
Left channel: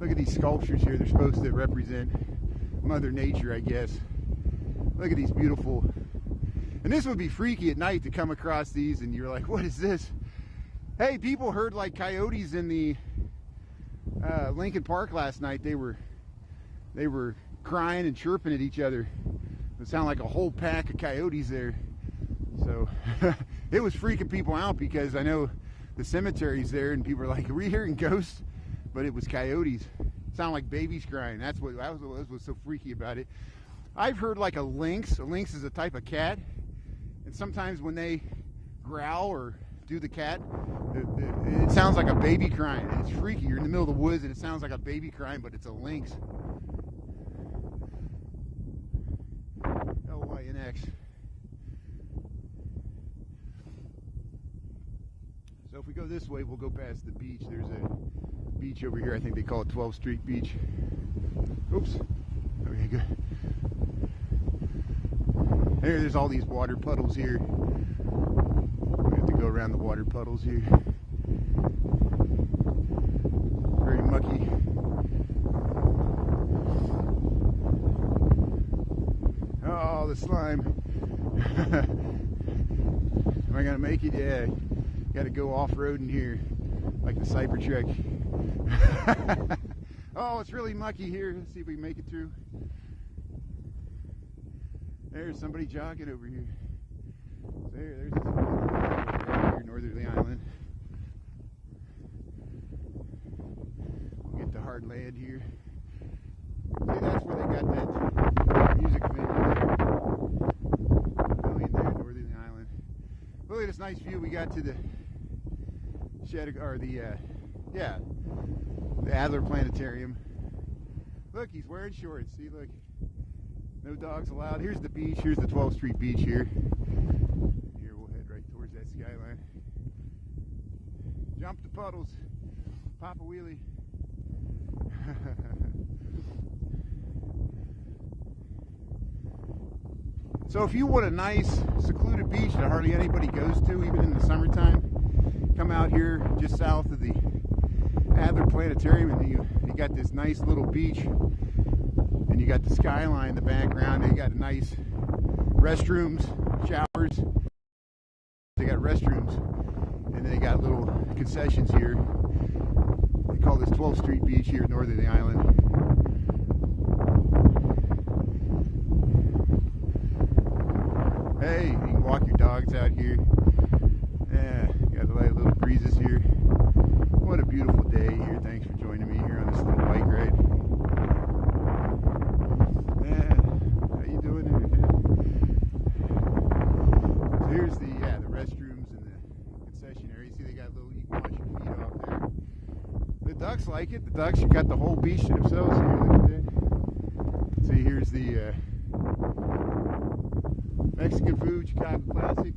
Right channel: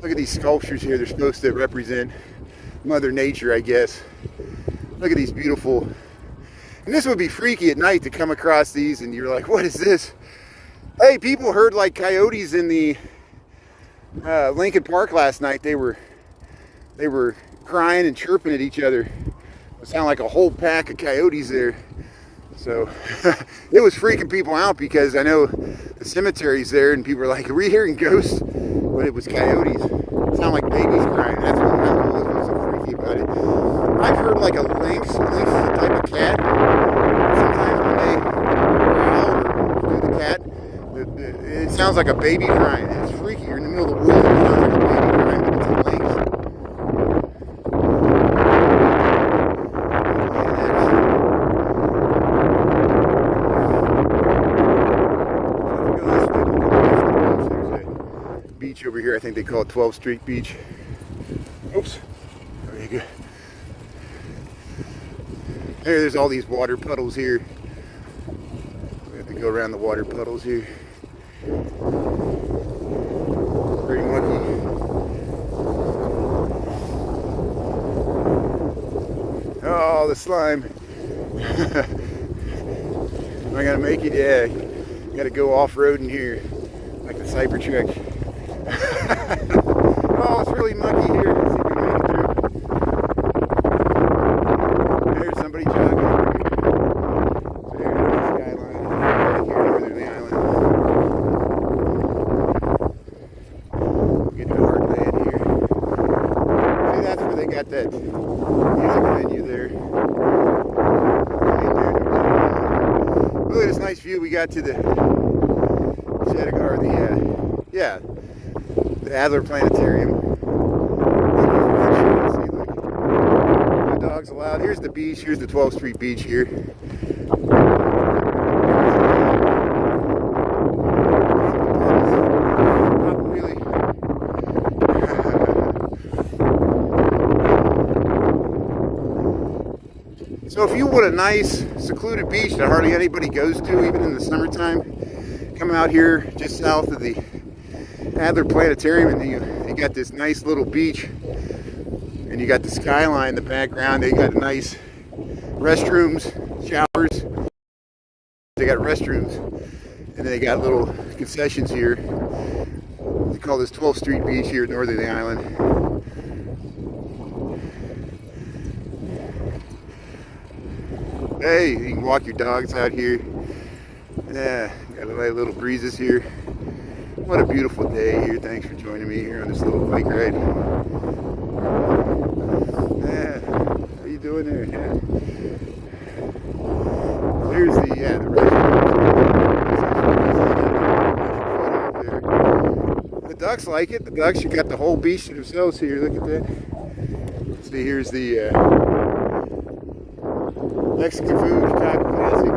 Look at these sculptures here. They're supposed to represent Mother Nature, I guess. Look at these beautiful, and this would be freaky at night to come across these and you're like, what is this? Hey, people heard like coyotes in the Lincoln Park last night. They were crying and chirping at each other. It sounded like a whole pack of coyotes there. So it was freaking people out because I know the cemetery's there and people were like, are we hearing ghosts? But it was coyotes. It sounded like babies crying. That's what I don't know what was so freaky about it. I've heard like a lynx. Lynx is a type of cat. Sometimes when they growl or do the cat, it sounds like a baby crying. It's freaky. You're in the middle of the woods. It sounds like a baby crying, but it's a lynx. Beach over here. I think they call it 12th Street Beach. Oops. There you go. There's all these water puddles here. We have to go around the water puddles here. Very mucky. Oh, the slime. Am I gonna make it? Yeah. Gotta go off-roading here, like the Cybertruck. Oh, it's really mucky here. Let's see if we can make it through. There's somebody jogging over here. There's the skyline. Northerly Island. Get to Heartland here. See, that's where they got that music venue there. Right there, look at this nice view we got to the the Adler Planetarium. See, look. No dogs allowed. Here's the beach. Here's the 12th Street Beach here. Not really. So if you want a nice secluded beach that hardly anybody goes to, even in the summertime, come out here just south of the Adler Planetarium, and you got this nice little beach, and you got the skyline in the background. They got nice restrooms, showers. They got restrooms, and they got little concessions here. They call this 12th Street Beach here at Northerly Island. Hey, you can walk your dogs out here. Yeah, got a little breezes here. What a beautiful day here. Thanks for joining me here on this little bike ride. Yeah, how you doing there? Yeah. There's the restaurant. The ducks like it. The ducks, you got the whole beach to themselves here. Look at that. See, here's the Mexican food, type of classic.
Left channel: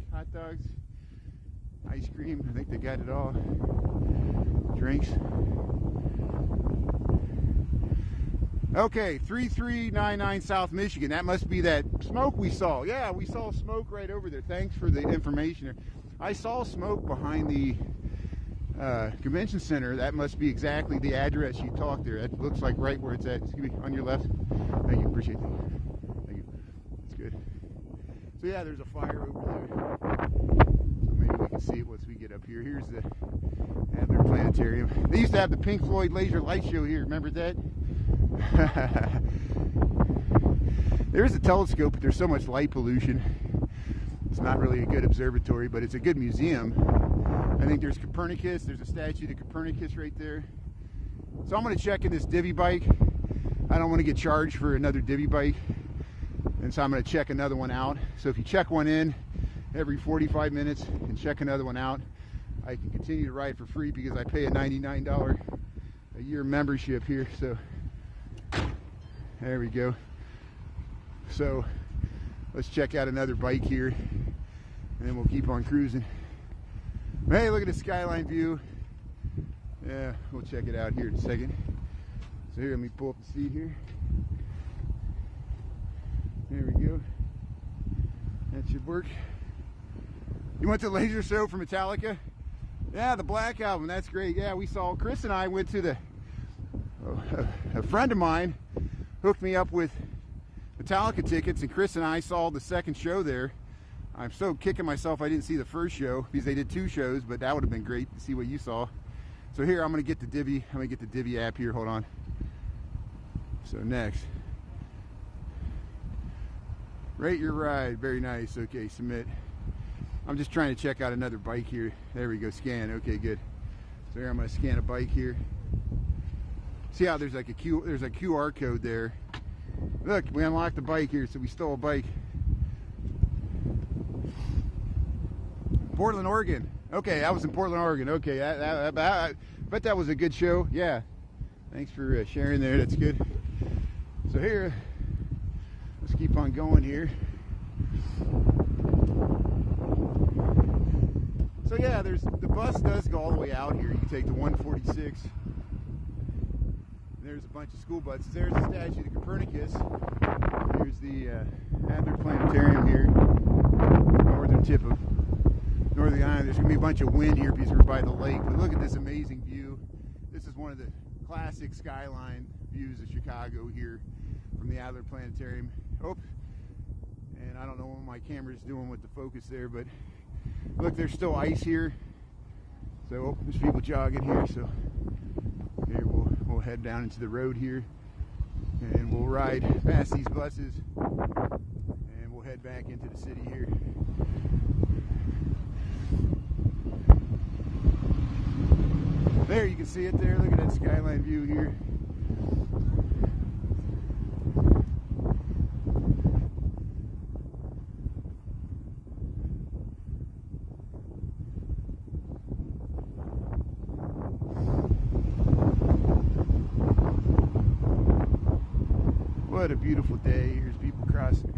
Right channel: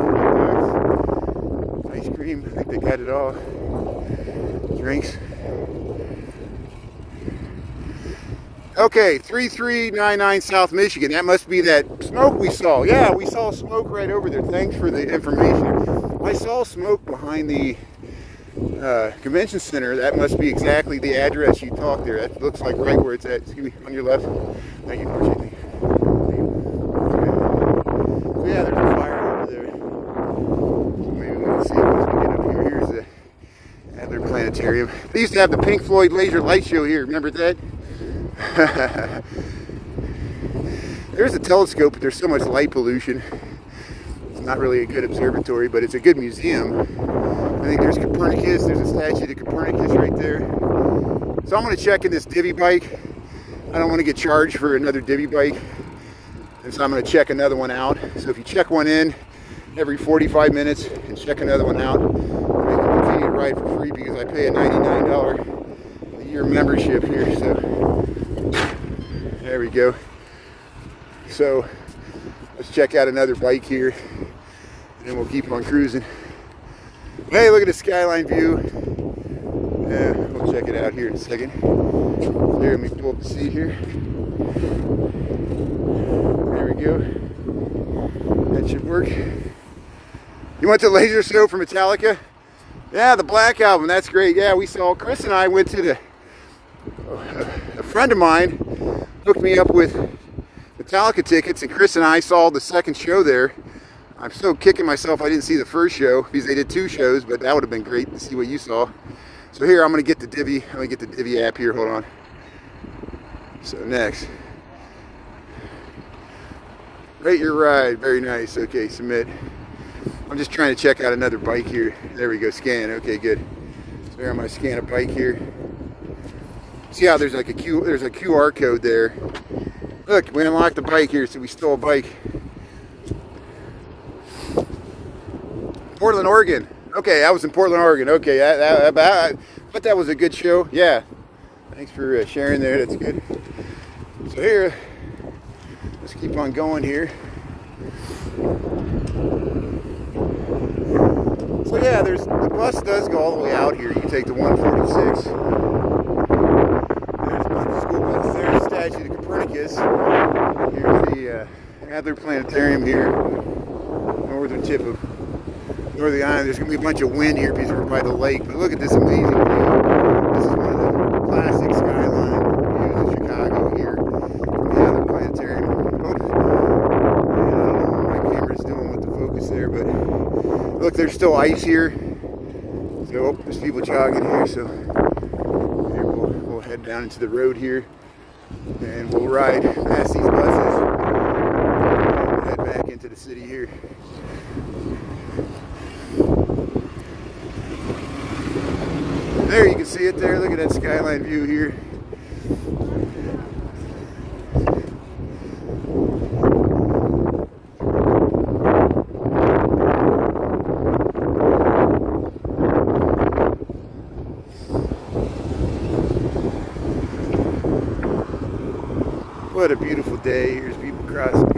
Ice cream. I think they got it all. Drinks. Okay, 3399 South Michigan. That must be that smoke we saw. Yeah, we saw smoke right over there. Thanks for the information. I saw smoke behind the convention center. That must be exactly the address you talked there. That looks like right where it's at. Excuse me, on your left. Thank you. Appreciate it. So yeah, there's a fire over there. Maybe we can see it once we get up here. Here's the Adler Planetarium. They used to have the Pink Floyd laser light show here. Remember that? There's a telescope, but there's so much light pollution. It's not really a good observatory, but it's a good museum. I think there's Copernicus. There's a statue to Copernicus right there. So I'm going to check in this divvy bike. I don't want to get charged for another divvy bike. And so I'm going to check another one out. So if you check one in every 45 minutes and check another one out, you can continue to ride for free because I pay a $99 a year membership here. So there we go. So let's check out another bike here and then we'll keep on cruising. Hey, look at the skyline view. Yeah, we'll check it out here in a second. Here, let me pull up the seat here. There we go. That should work. You went to Laser Show for Metallica? Yeah, the Black Album. That's great. Yeah, we saw, Chris and I went to a friend of mine hooked me up with Metallica tickets, and Chris and I saw the second show there. I'm so kicking myself I didn't see the first show because they did 2 shows, but that would have been great to see what you saw. So here I'm gonna get the Divvy app here. Hold on. So next, rate your ride. Very nice. Okay, submit. I'm just trying to check out another bike here. There we go. Scan. Okay, good. So here I'm gonna scan a bike here. See how there's like there's a QR code there. Look, we unlocked the bike here, so we stole a bike. Portland, Oregon. Okay, I was in Portland, Oregon. Okay, I bet that was a good show. Yeah. Thanks for sharing there. That's good. So here, let's keep on going here. So yeah, the bus does go all the way out here. You can take the 146. There's a bunch of school buses. There's the statue of Copernicus. Here's the Adler Planetarium here. Northern tip of Northerly Island. There's going to be a bunch of wind here because we're by the lake. But look at this amazing view. This is one of the classic skyline views of Chicago here from the Adler Planetarium. Oh, I don't know what my camera's doing with the focus there, but look, there's still ice here. So there's people jogging here. So here we'll head down into the road here, and we'll ride past these buses and we'll head back into the city here. There, you can see it there. Look at that skyline view here. What a beautiful day. Here's people crossing.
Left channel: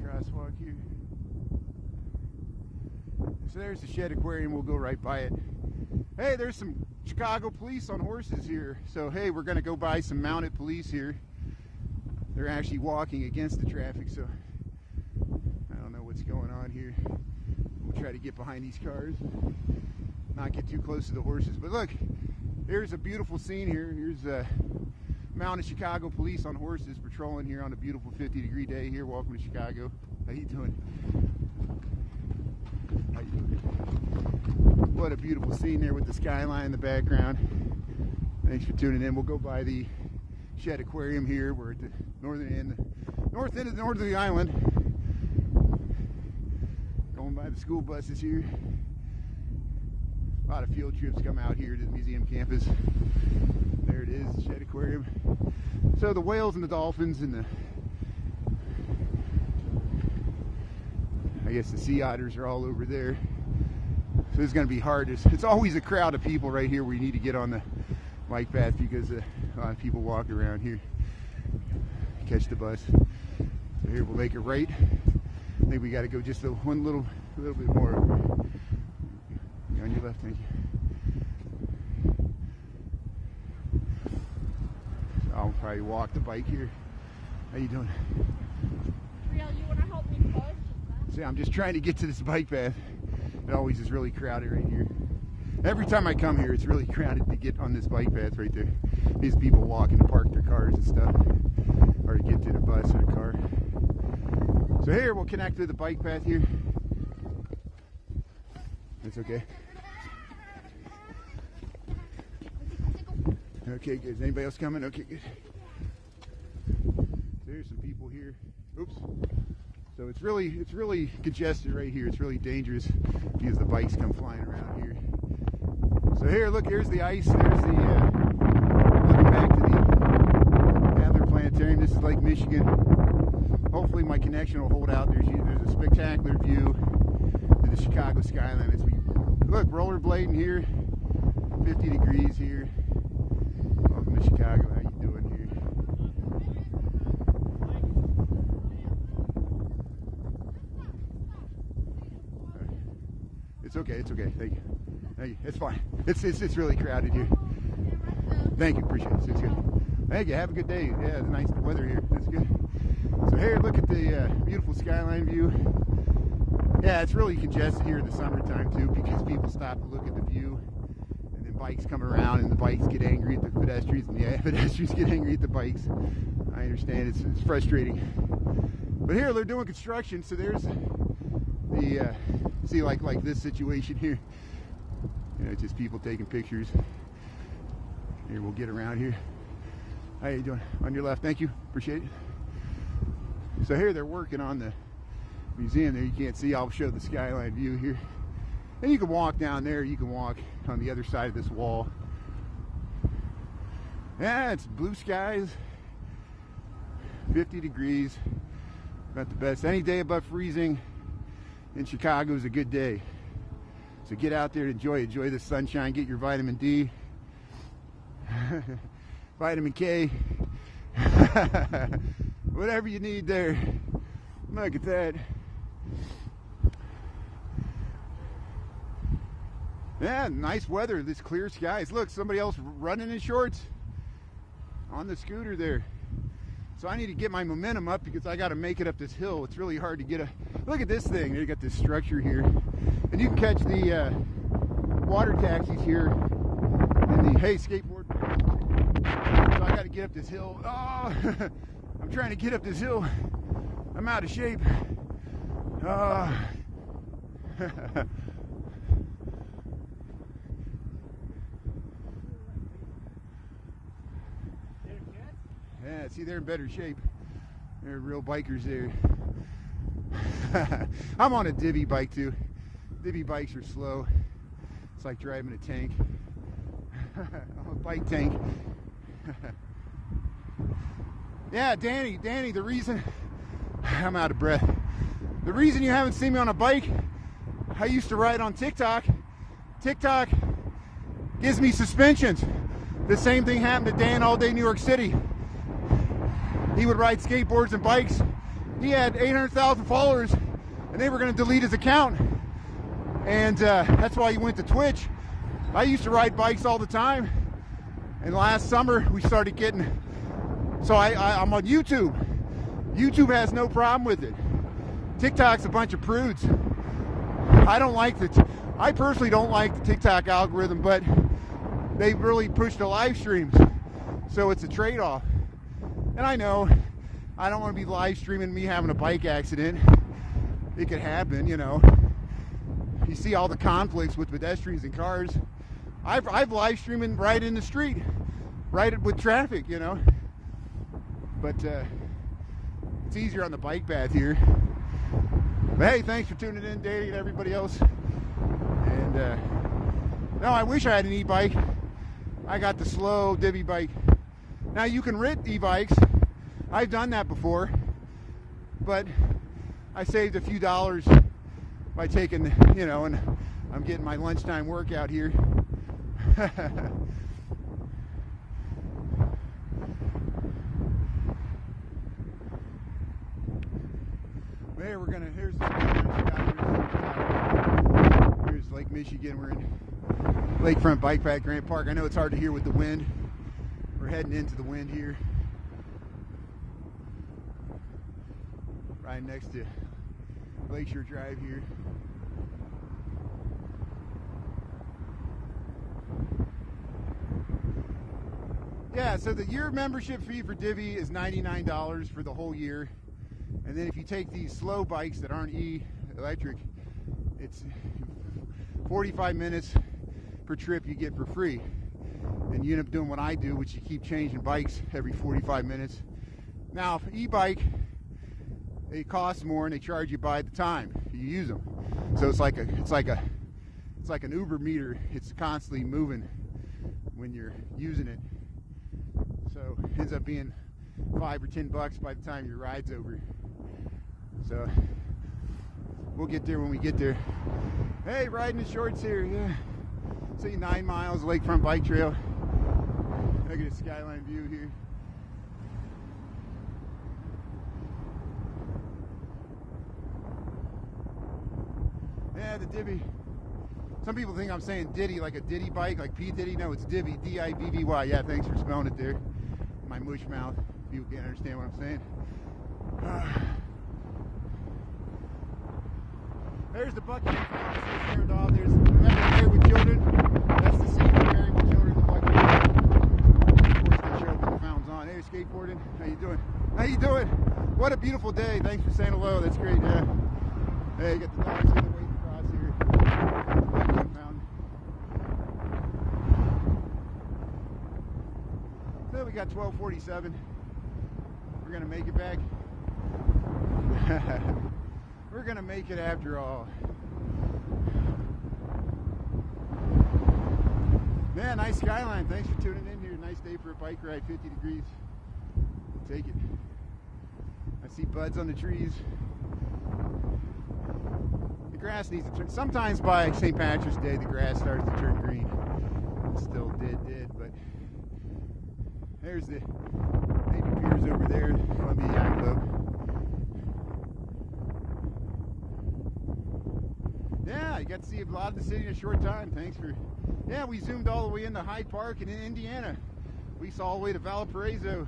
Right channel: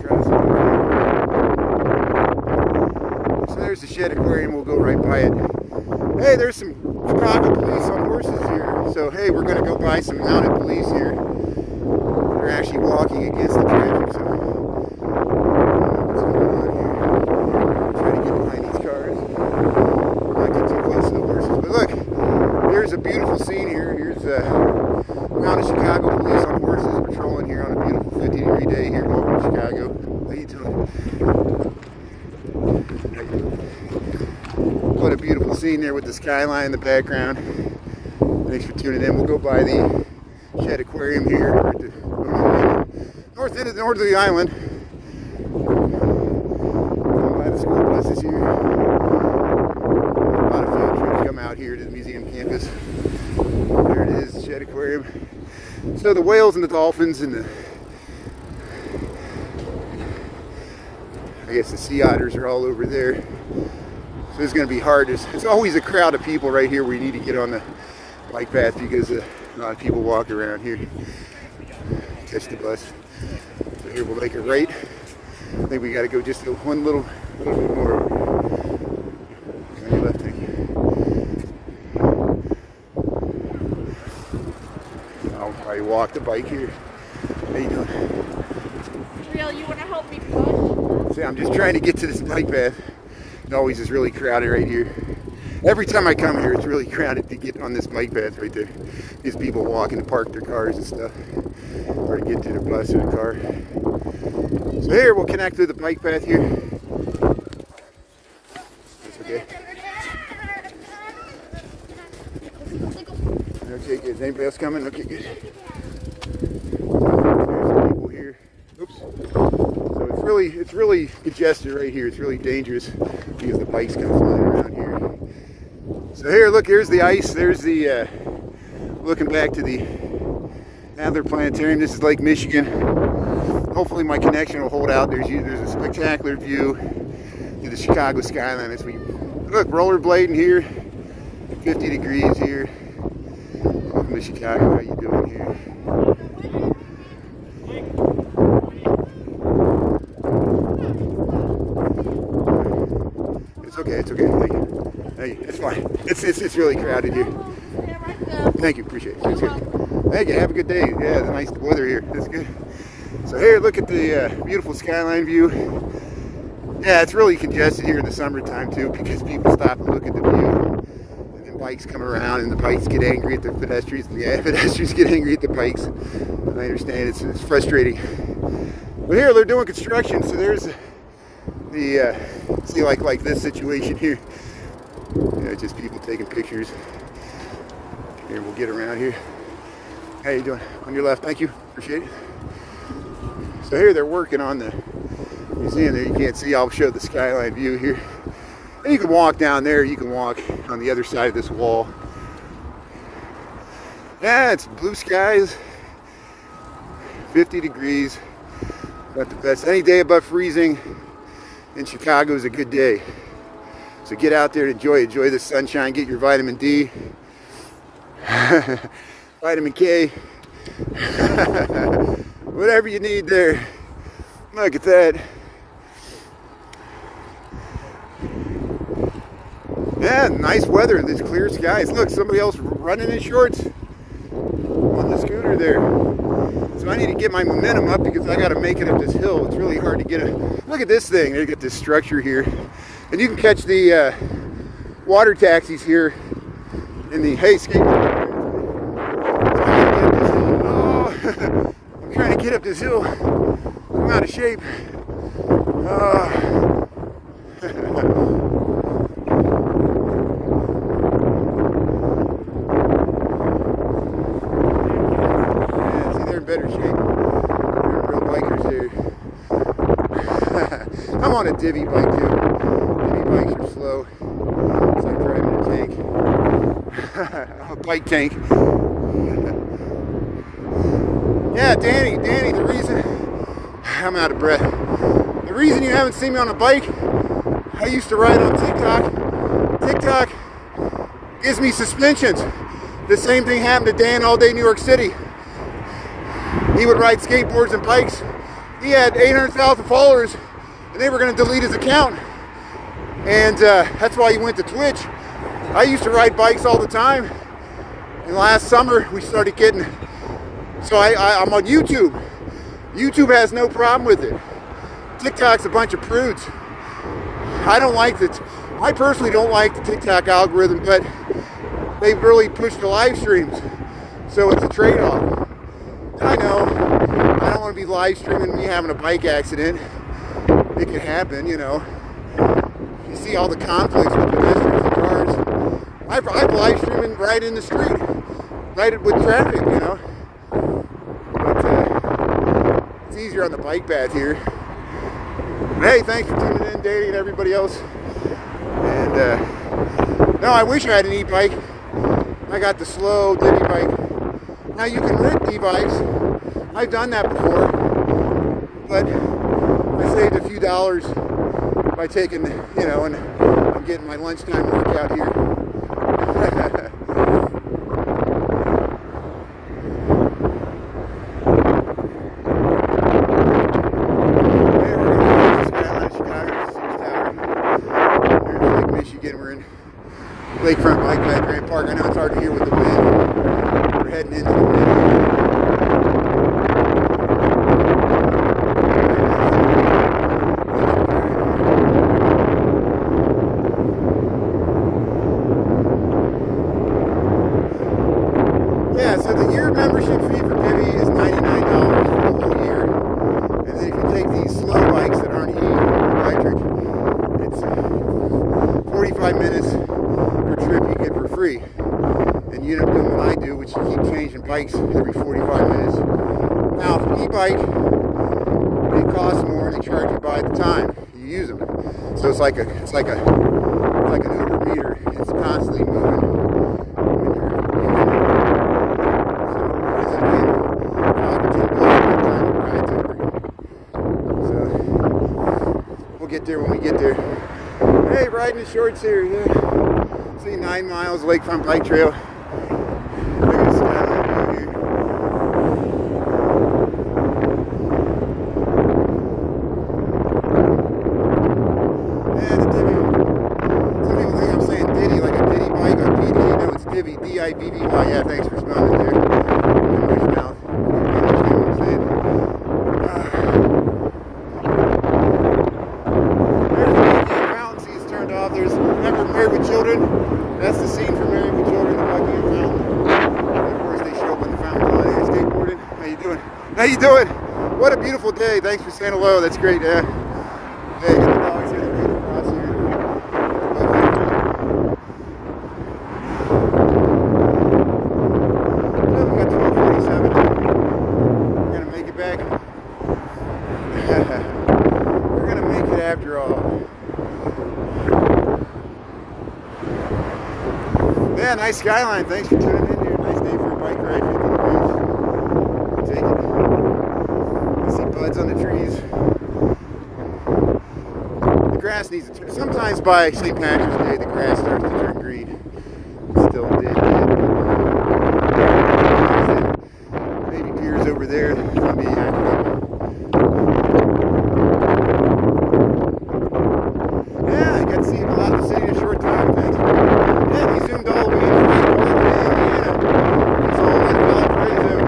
So there's the Shed Aquarium. We'll go right by it. Hey, there's some Chicago police on horses here. So hey, we're going to go by some mounted police here. They're actually walking against the traffic. So what's going on here? Try to get behind these cars. Not get too close to the horses. But look, there's a beautiful scene here. Here's mounted Chicago police on horses patrolling here on a beautiful 50-degree day here. Welcome to Chicago. How you doing? What a beautiful scene there with the skyline in the background. Thanks for tuning in. We'll go by the Shed Aquarium here at the north end of the Northerly Island. Going by the school buses here. A lot of field trips come out here to the museum campus. There it is, Shed Aquarium. So the whales and the dolphins and the, I guess the sea otters are all over there. So it's going to be hard. It's always a crowd of people right here where you need to get on the bike path because a lot of people walk around here. Catch the bus. So here we'll make a right. I think we got to go just one little bit more. On the left hand. I'll probably walk the bike here. How you doing? Real, you want to help me push? See, I'm just trying to get to this bike path. It always is really crowded right here. Every time I come here, it's really crowded to get on this bike path right there. These people walking to park their cars and stuff, or to get to the bus or the car. So here, we'll connect to the bike path here. That's okay. Okay, good. Is anybody else coming? Okay, good. There's some people here. Oops. So it's really congested right here. It's really dangerous because the bike's kind of flying around here. So here, look, here's the ice. There's the, looking back to the Adler Planetarium. This is Lake Michigan. Hopefully my connection will hold out. There's a spectacular view to the Chicago skyline as we, look, rollerblading here. 50 degrees here. Welcome to Chicago. How you doing here? It's okay. Thank you. It's fine. It's really crowded here. Thank you. Appreciate it. It's good. Thank you. Have a good day. Yeah, the nice weather here. It's good. So here, look at the beautiful skyline view. Yeah, it's really congested here in the summertime too because people stop and look at the view. And then bikes come around and the bikes get angry at the pedestrians and the pedestrians get angry at the bikes. I understand it's frustrating. But here they're doing construction, so there's the see like this situation here. Just people taking pictures. Here, we'll get around here. How you doing? On your left, thank you, appreciate it. So here they're working on the museum there. You can't see, I'll show the skyline view here. And you can walk down there, you can walk on the other side of this wall. Yeah, it's blue skies, 50 degrees, about the best. Any day above freezing in Chicago is a good day. So get out there and enjoy the sunshine, get your vitamin D, vitamin K, whatever you need there. Look at that. Yeah, nice weather and these clear skies. Look, somebody else running in shorts on the scooter there. So I need to get my momentum up because I got to make it up this hill. It's really hard to get a look at this thing. They got this structure here, and you can catch the water taxis here in the skateboard. I'm trying to get up this hill. I'm out of shape. Better shape. They're real bikers there. I'm on a divvy bike too. Divvy bikes are slow. It's like driving a tank. A bike tank. Yeah, Danny, the reason I'm out of breath. The reason you haven't seen me on a bike, I used to ride on TikTok. TikTok gives me suspensions. The same thing happened to Dan All Day New York City. He would ride skateboards and bikes. He had 800,000 followers, and they were going to delete his account. And that's why he went to Twitch. I used to ride bikes all the time. And last summer, we started getting... So I'm on YouTube. YouTube has no problem with it. TikTok's a bunch of prudes. I personally don't like the TikTok algorithm, but they've really pushed the live streams. So it's a trade-off. And I know, I don't want to be live streaming me having a bike accident. It could happen, you know. You see all the conflicts with pedestrians and cars. I've live streaming right in the street, right with traffic, you know. But it's easier on the bike path here. But hey, thanks for tuning in, Danny, and everybody else. And no, I wish I had an e-bike. I got the slow divvy bike. Now you can rent e-bikes. I've done that before, but I saved a few dollars by taking, you know, and I'm getting my lunchtime workout here. Here's Lake Michigan. We're in Lakefront Bike Path Grand Park. I know it's hard to hear with the wind. We're heading into the wind. Yeah, so the year membership fee for Divvy is $99 for the whole year. And then if you take these slow bikes that aren't electric, it's 45 minutes per trip you get for free. And you end up doing what I do, which you keep changing bikes every 45 minutes. Now, for e-bike, it costs more and they charge you by the time you use them. So it's like an Uber meter. It's constantly moving. We'll get there when we get there. Hey, riding in shorts here, yeah. See 9 miles Lakefront Bike Trail. Look at the skyline view here. Yeah, the Divvy. Some people think I'm saying Diddy, like a Diddy bike or PD. No, it's Divvy, D-I-V-V-Y. Yeah, thanks for responding there. English mouth. There's Married with Children. That's the scene from Married with you doing? What a beautiful day. Thanks for saying hello. That's great. Hey, get the dogs in right across here. Well, we got 12:47. We're gonna make it back. We're gonna make it after all. Yeah, nice skyline. Thanks for tuning in here. Nice day for a bike ride. 50 degrees. We'll take it. I see buds on the trees. The grass needs to turn. Sometimes by St. Patrick's Day, the grass starts to turn green. It's still dead. Maybe piers over there. It's gonna be yeah, I got to see a lot of the city in a short time. Thanks for yeah, we zoomed all the way in Indiana. It's all in Valparaiso.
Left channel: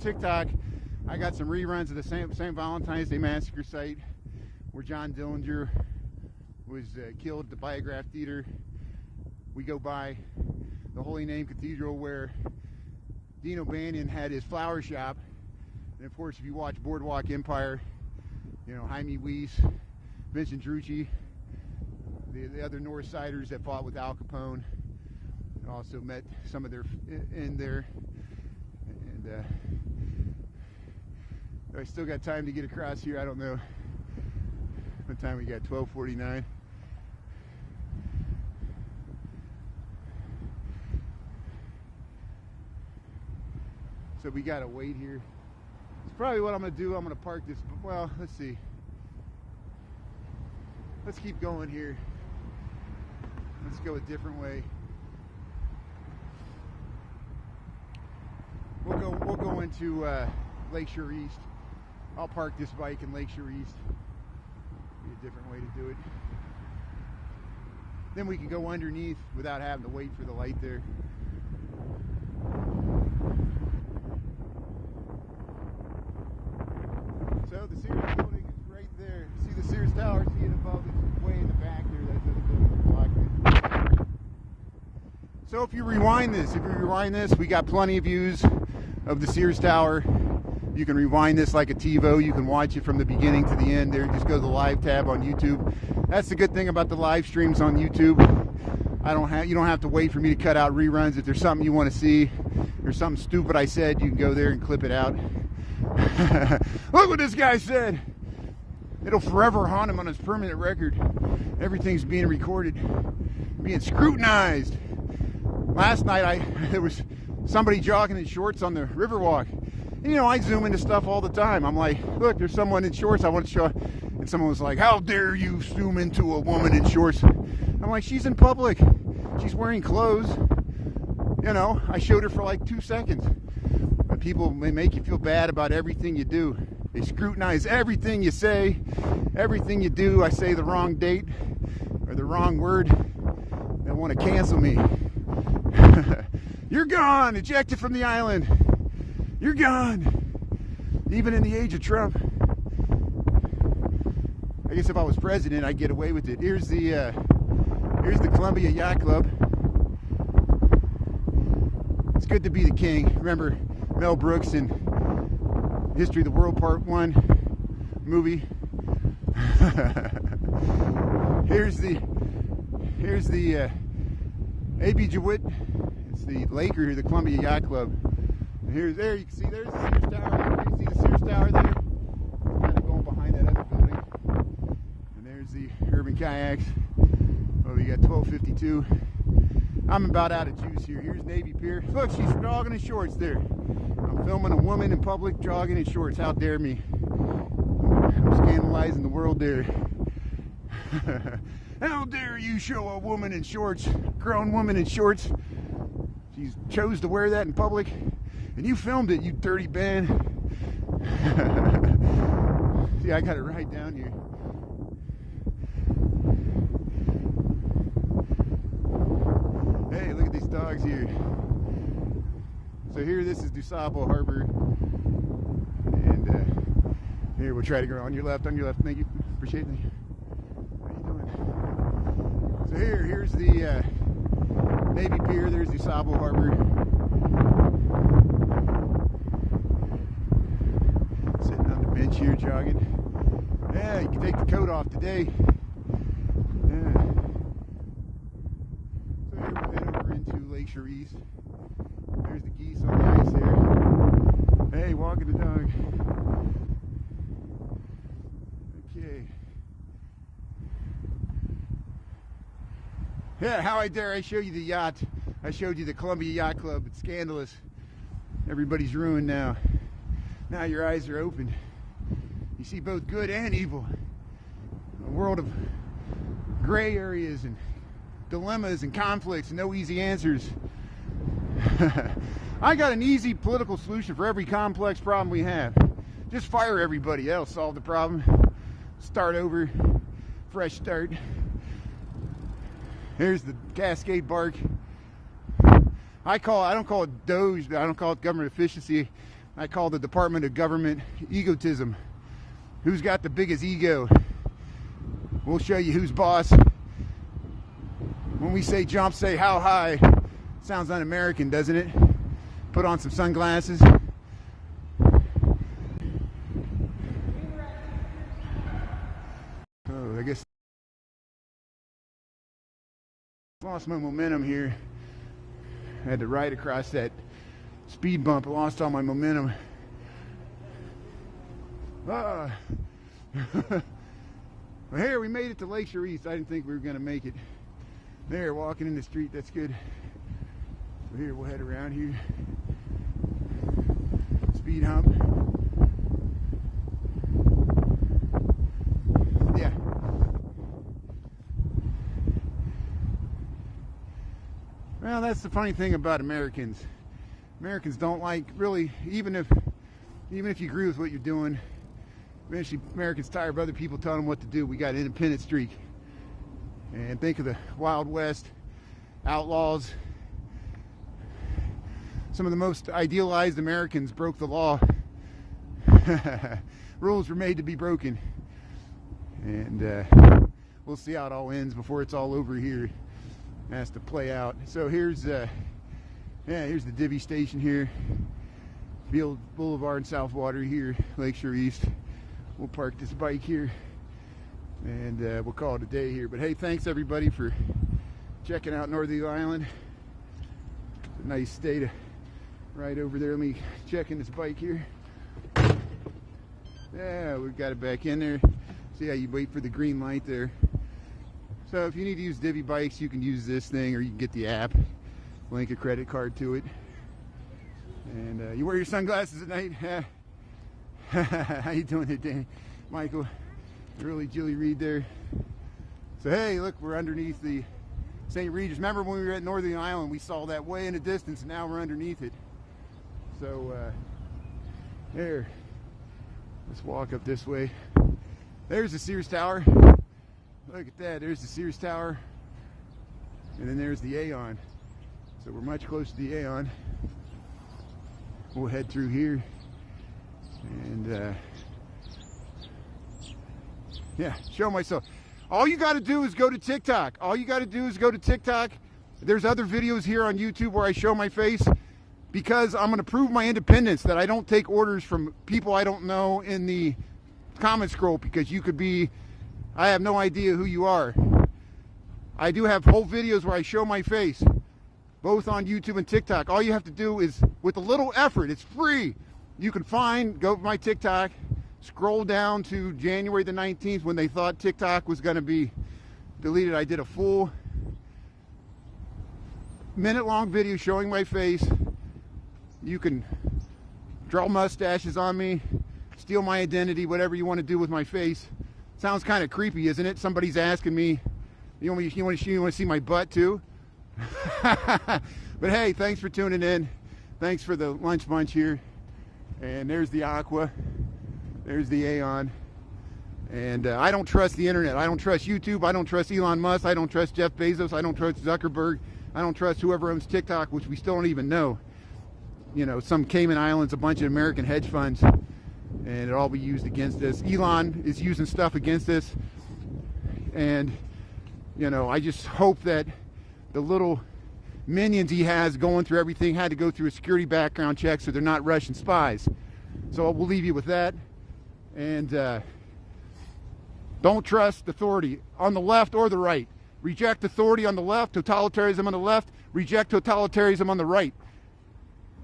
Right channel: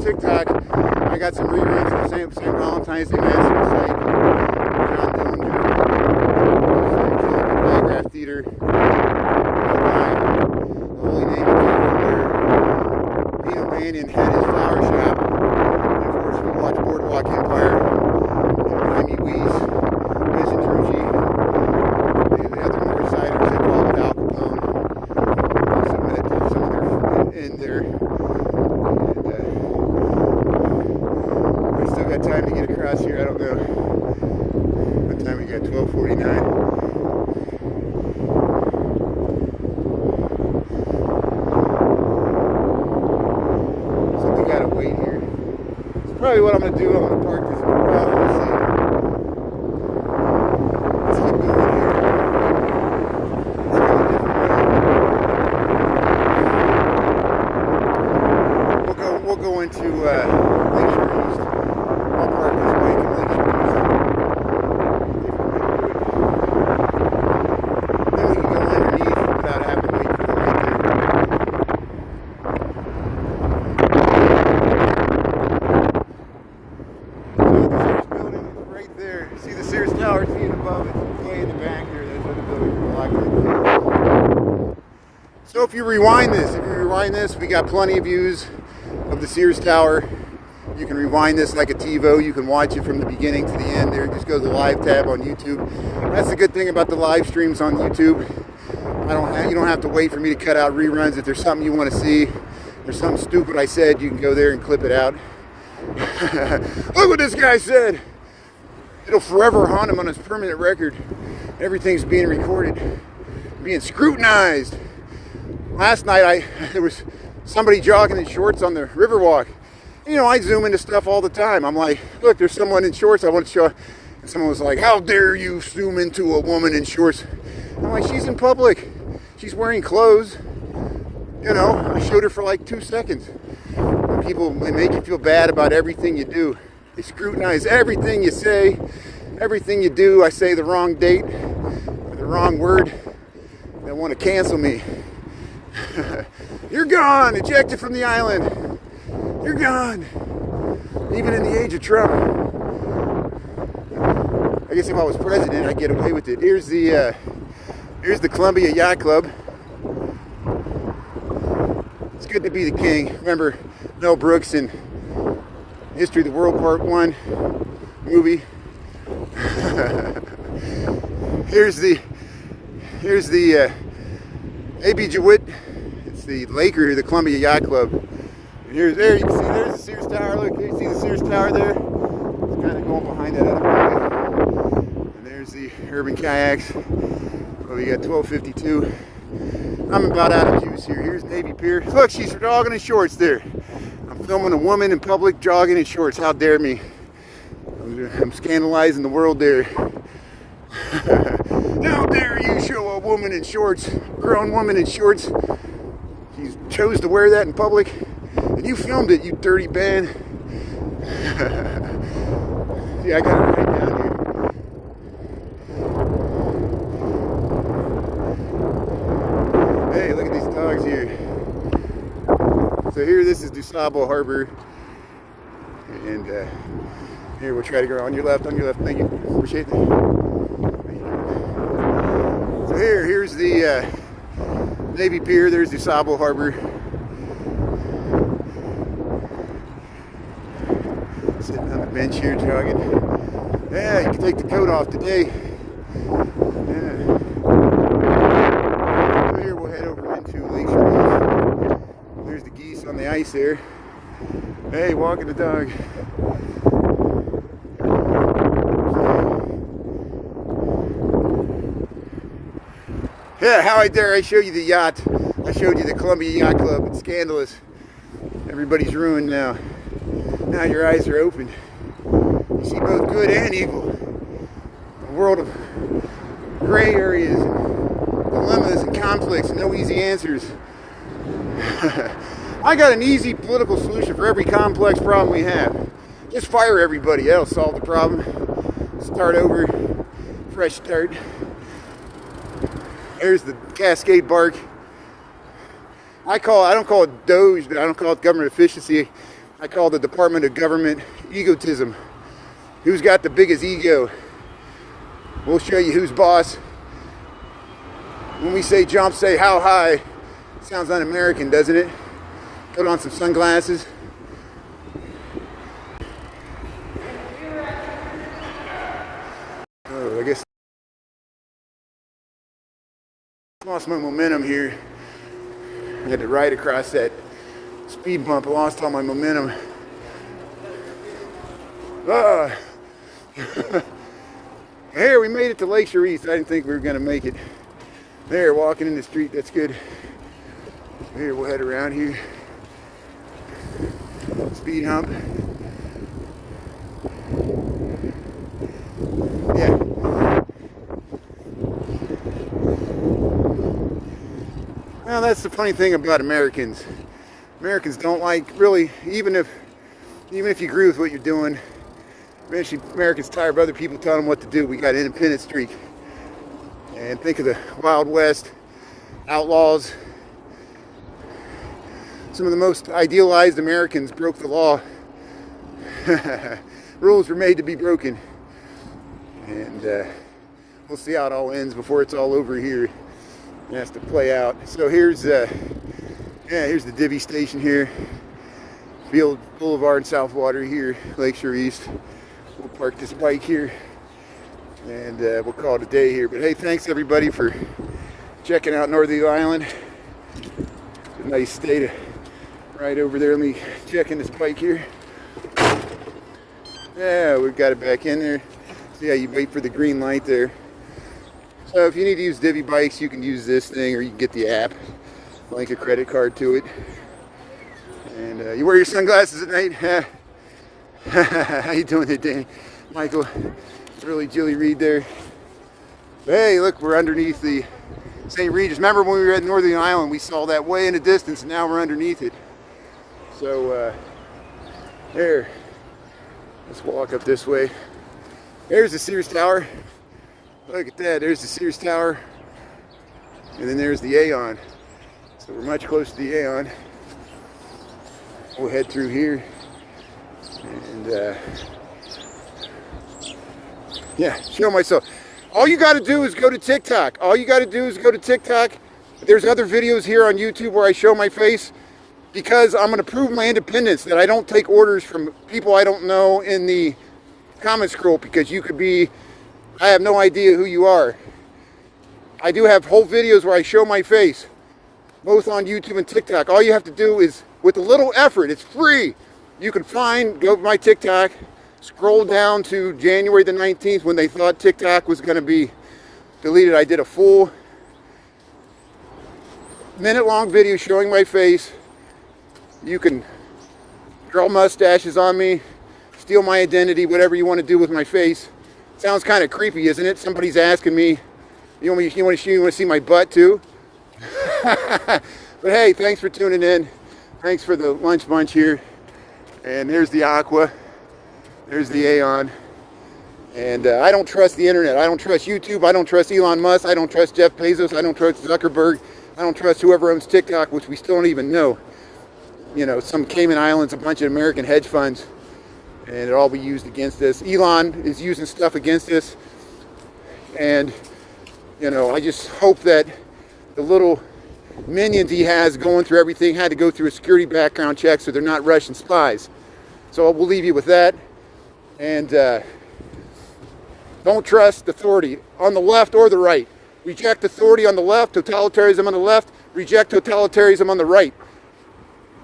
TikTok, I got some reruns of the same Valentine's Day Massacre site. John Dillinger, Biograph Theater, the Holy Name of Theater, where Vino Banyan had his flower shop. And of course, we watched Boardwalk Empire, Jaime Weiss, Vincent Trucci, the other Northsiders that followed Al Capone. Also met some of their in there. Got time to get across here. I don't know what time we got. 12:49. So we gotta wait here. It's probably what I'm gonna do. I'm gonna park this. Well, we'll see. Let's keep going here. Let's go a different way. We'll go into Lakeshore East. I'll park this bike and Lakeshore East. Then we can go underneath without having to wait for the light there. So the Sears building is right there. See the Sears Tower, see it above it, way in the back here. Those other buildings are blocked. So if you rewind this, we got plenty of views of the Sears Tower. You can rewind this like a TiVo. You can watch it from the beginning to the end. There, just go to the live tab on YouTube. That's the good thing about the live streams on YouTube. You don't have to wait for me to cut out reruns. If there's something you want to see, there's something stupid I said, you can go there and clip it out. Look what this guy said. It'll forever haunt him on his permanent record. Everything's being recorded, being scrutinized. Last night, there was somebody jogging in shorts on the Riverwalk. You know, I zoom into stuff all the time. I'm like, look, there's someone in shorts I want to show. And someone was like, how dare you zoom into a woman in shorts? I'm like, she's in public. She's wearing clothes. You know, I showed her for like 2 seconds. And people, they make you feel bad about everything you do. They scrutinize everything you say, everything you do. I say the wrong date or the wrong word. They want to cancel me. You're gone, ejected from the island. You're gone. Even in the age of Trump. I guess if I was president, I'd get away with it. Here's the Columbia Yacht Club. It's good to be the king. Remember Mel Brooks in History of the World Part 1 movie. Here's the A.B. DeWitt. It's the Laker here, the Columbia Yacht Club. And there you can see there's the Sears Tower. Look, you see the Sears Tower there? It's kind of going behind that other building. And there's the Urban Kayaks. Well, we got 1252. I'm about out of juice here. Here's Navy Pier. Look, she's jogging in shorts there. I'm filming a woman in public jogging in shorts. How dare me? I'm scandalizing the world there. How dare you show a woman in shorts, grown woman in shorts? She chose to wear that in public, and you filmed it, you dirty band. See, I got it right down here. Hey, look at these dogs here. So here, this is DuSable Harbor, and here we'll try to go on your left, thank you, appreciate it. So here's the Navy Pier, there's DuSable Harbor. Sitting on the bench here jogging. Yeah, you can take the coat off today. Yeah. So here we'll head over into Lakeshore. There's the geese on the ice there. Hey, walking the dog. Yeah, how I dare I show you the yacht. I showed you the Columbia Yacht Club. It's scandalous. Everybody's ruined now. Now your eyes are opened. You see both good and evil. A world of gray areas, and dilemmas and conflicts, and no easy answers. I got an easy political solution for every complex problem we have. Just fire everybody. That'll solve the problem. Start over. Fresh start. Here's the Cascade Bark. I don't call it Doge, I don't call it government efficiency. I call it the Department of Government Egotism. Who's got the biggest ego? We'll show you who's boss. When we say jump, say how high. Sounds un-American, doesn't it? Put on some sunglasses. Oh, I guess lost my momentum here. I had to ride across that speed bump. I lost all my momentum. Here, we made it to Lakeshore East. I didn't think we were going to make it. There, walking in the street. That's good. Here, we'll head around here. Speed hump. Yeah. Well, that's the funny thing about Americans. Americans don't like, really, even if you agree with what you're doing, eventually Americans tired of other people telling them what to do. We got an independent streak. And think of the Wild West, outlaws. Some of the most idealized Americans broke the law. Rules were made to be broken. And we'll see how it all ends before it's all over here. It has to play out. So here's the Divvy station here. Field Boulevard and Southwater here, Lakeshore East. We'll park this bike here and we'll call it a day here. But hey, thanks everybody for checking out Northerly Island. It's a nice day to ride over there. Let me check in this bike here. Yeah, we've got it back in there. See how you wait for the green light there. So if you need to use Divvy bikes, you can use this thing, or you can get the app, link a credit card to it. And you wear your sunglasses at night. How you doing today, Michael? Really Jilly Reed there. So, hey, look, we're underneath the St. Regis. Remember when we were at Northern Island, we saw that way in the distance, and now we're underneath it. So there, let's walk up this way. There's the Sears Tower. Look at that, there's the Sears Tower. And then there's the Aeon. So we're much closer to the Aeon. We'll head through here. And yeah, show myself. All you got to do is go to TikTok. There's other videos here on YouTube where I show my face, because I'm going to prove my independence, that I don't take orders from people I don't know in the comment scroll, because you could be, I have no idea who you are. I do have whole videos where I show my face. both on YouTube and TikTok. All you have to do is, with a little effort, it's free. You can go to my TikTok, scroll down to January the 19th when they thought TikTok was going to be deleted. I did a full minute-long video showing my face. You can draw mustaches on me, steal my identity, whatever you want to do with my face. Sounds kind of creepy, isn't it? Somebody's asking me, you want to see my butt too? But hey, thanks for tuning in. Thanks for the lunch bunch here. And there's the Aqua. There's the Aeon. And I don't trust the internet. I don't trust YouTube. I don't trust Elon Musk. I don't trust Jeff Bezos. I don't trust Zuckerberg. I don't trust whoever owns TikTok, which we still don't even know. You know, some Cayman Islands, a bunch of American hedge funds, and it'll all be used against us. Elon is using stuff against us. And, you know, I just hope that the little minions he has going through everything had to go through a security background check, so they're not Russian spies. So we'll leave you with that. And don't trust authority on the left or the right. Reject authority on the left, totalitarianism on the left, reject totalitarianism on the right.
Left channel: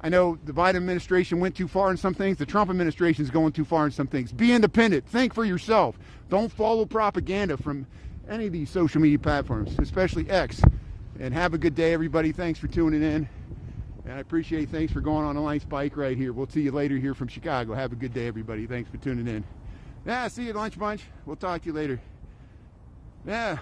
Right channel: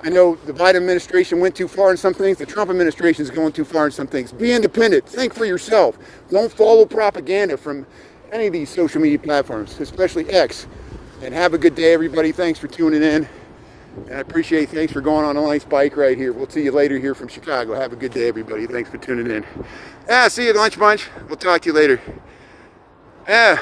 I know the Biden administration went too far in some things. The Trump administration is going too far in some things. Be independent. Think for yourself. Don't follow propaganda from any of these social media platforms, especially X. And have a good day, everybody. Thanks for tuning in. And I appreciate it. Thanks for going on a nice bike ride here. We'll see you later here from Chicago. Have a good day, everybody. Thanks for tuning in. Yeah, see you at Lunch Bunch. We'll talk to you later. Yeah.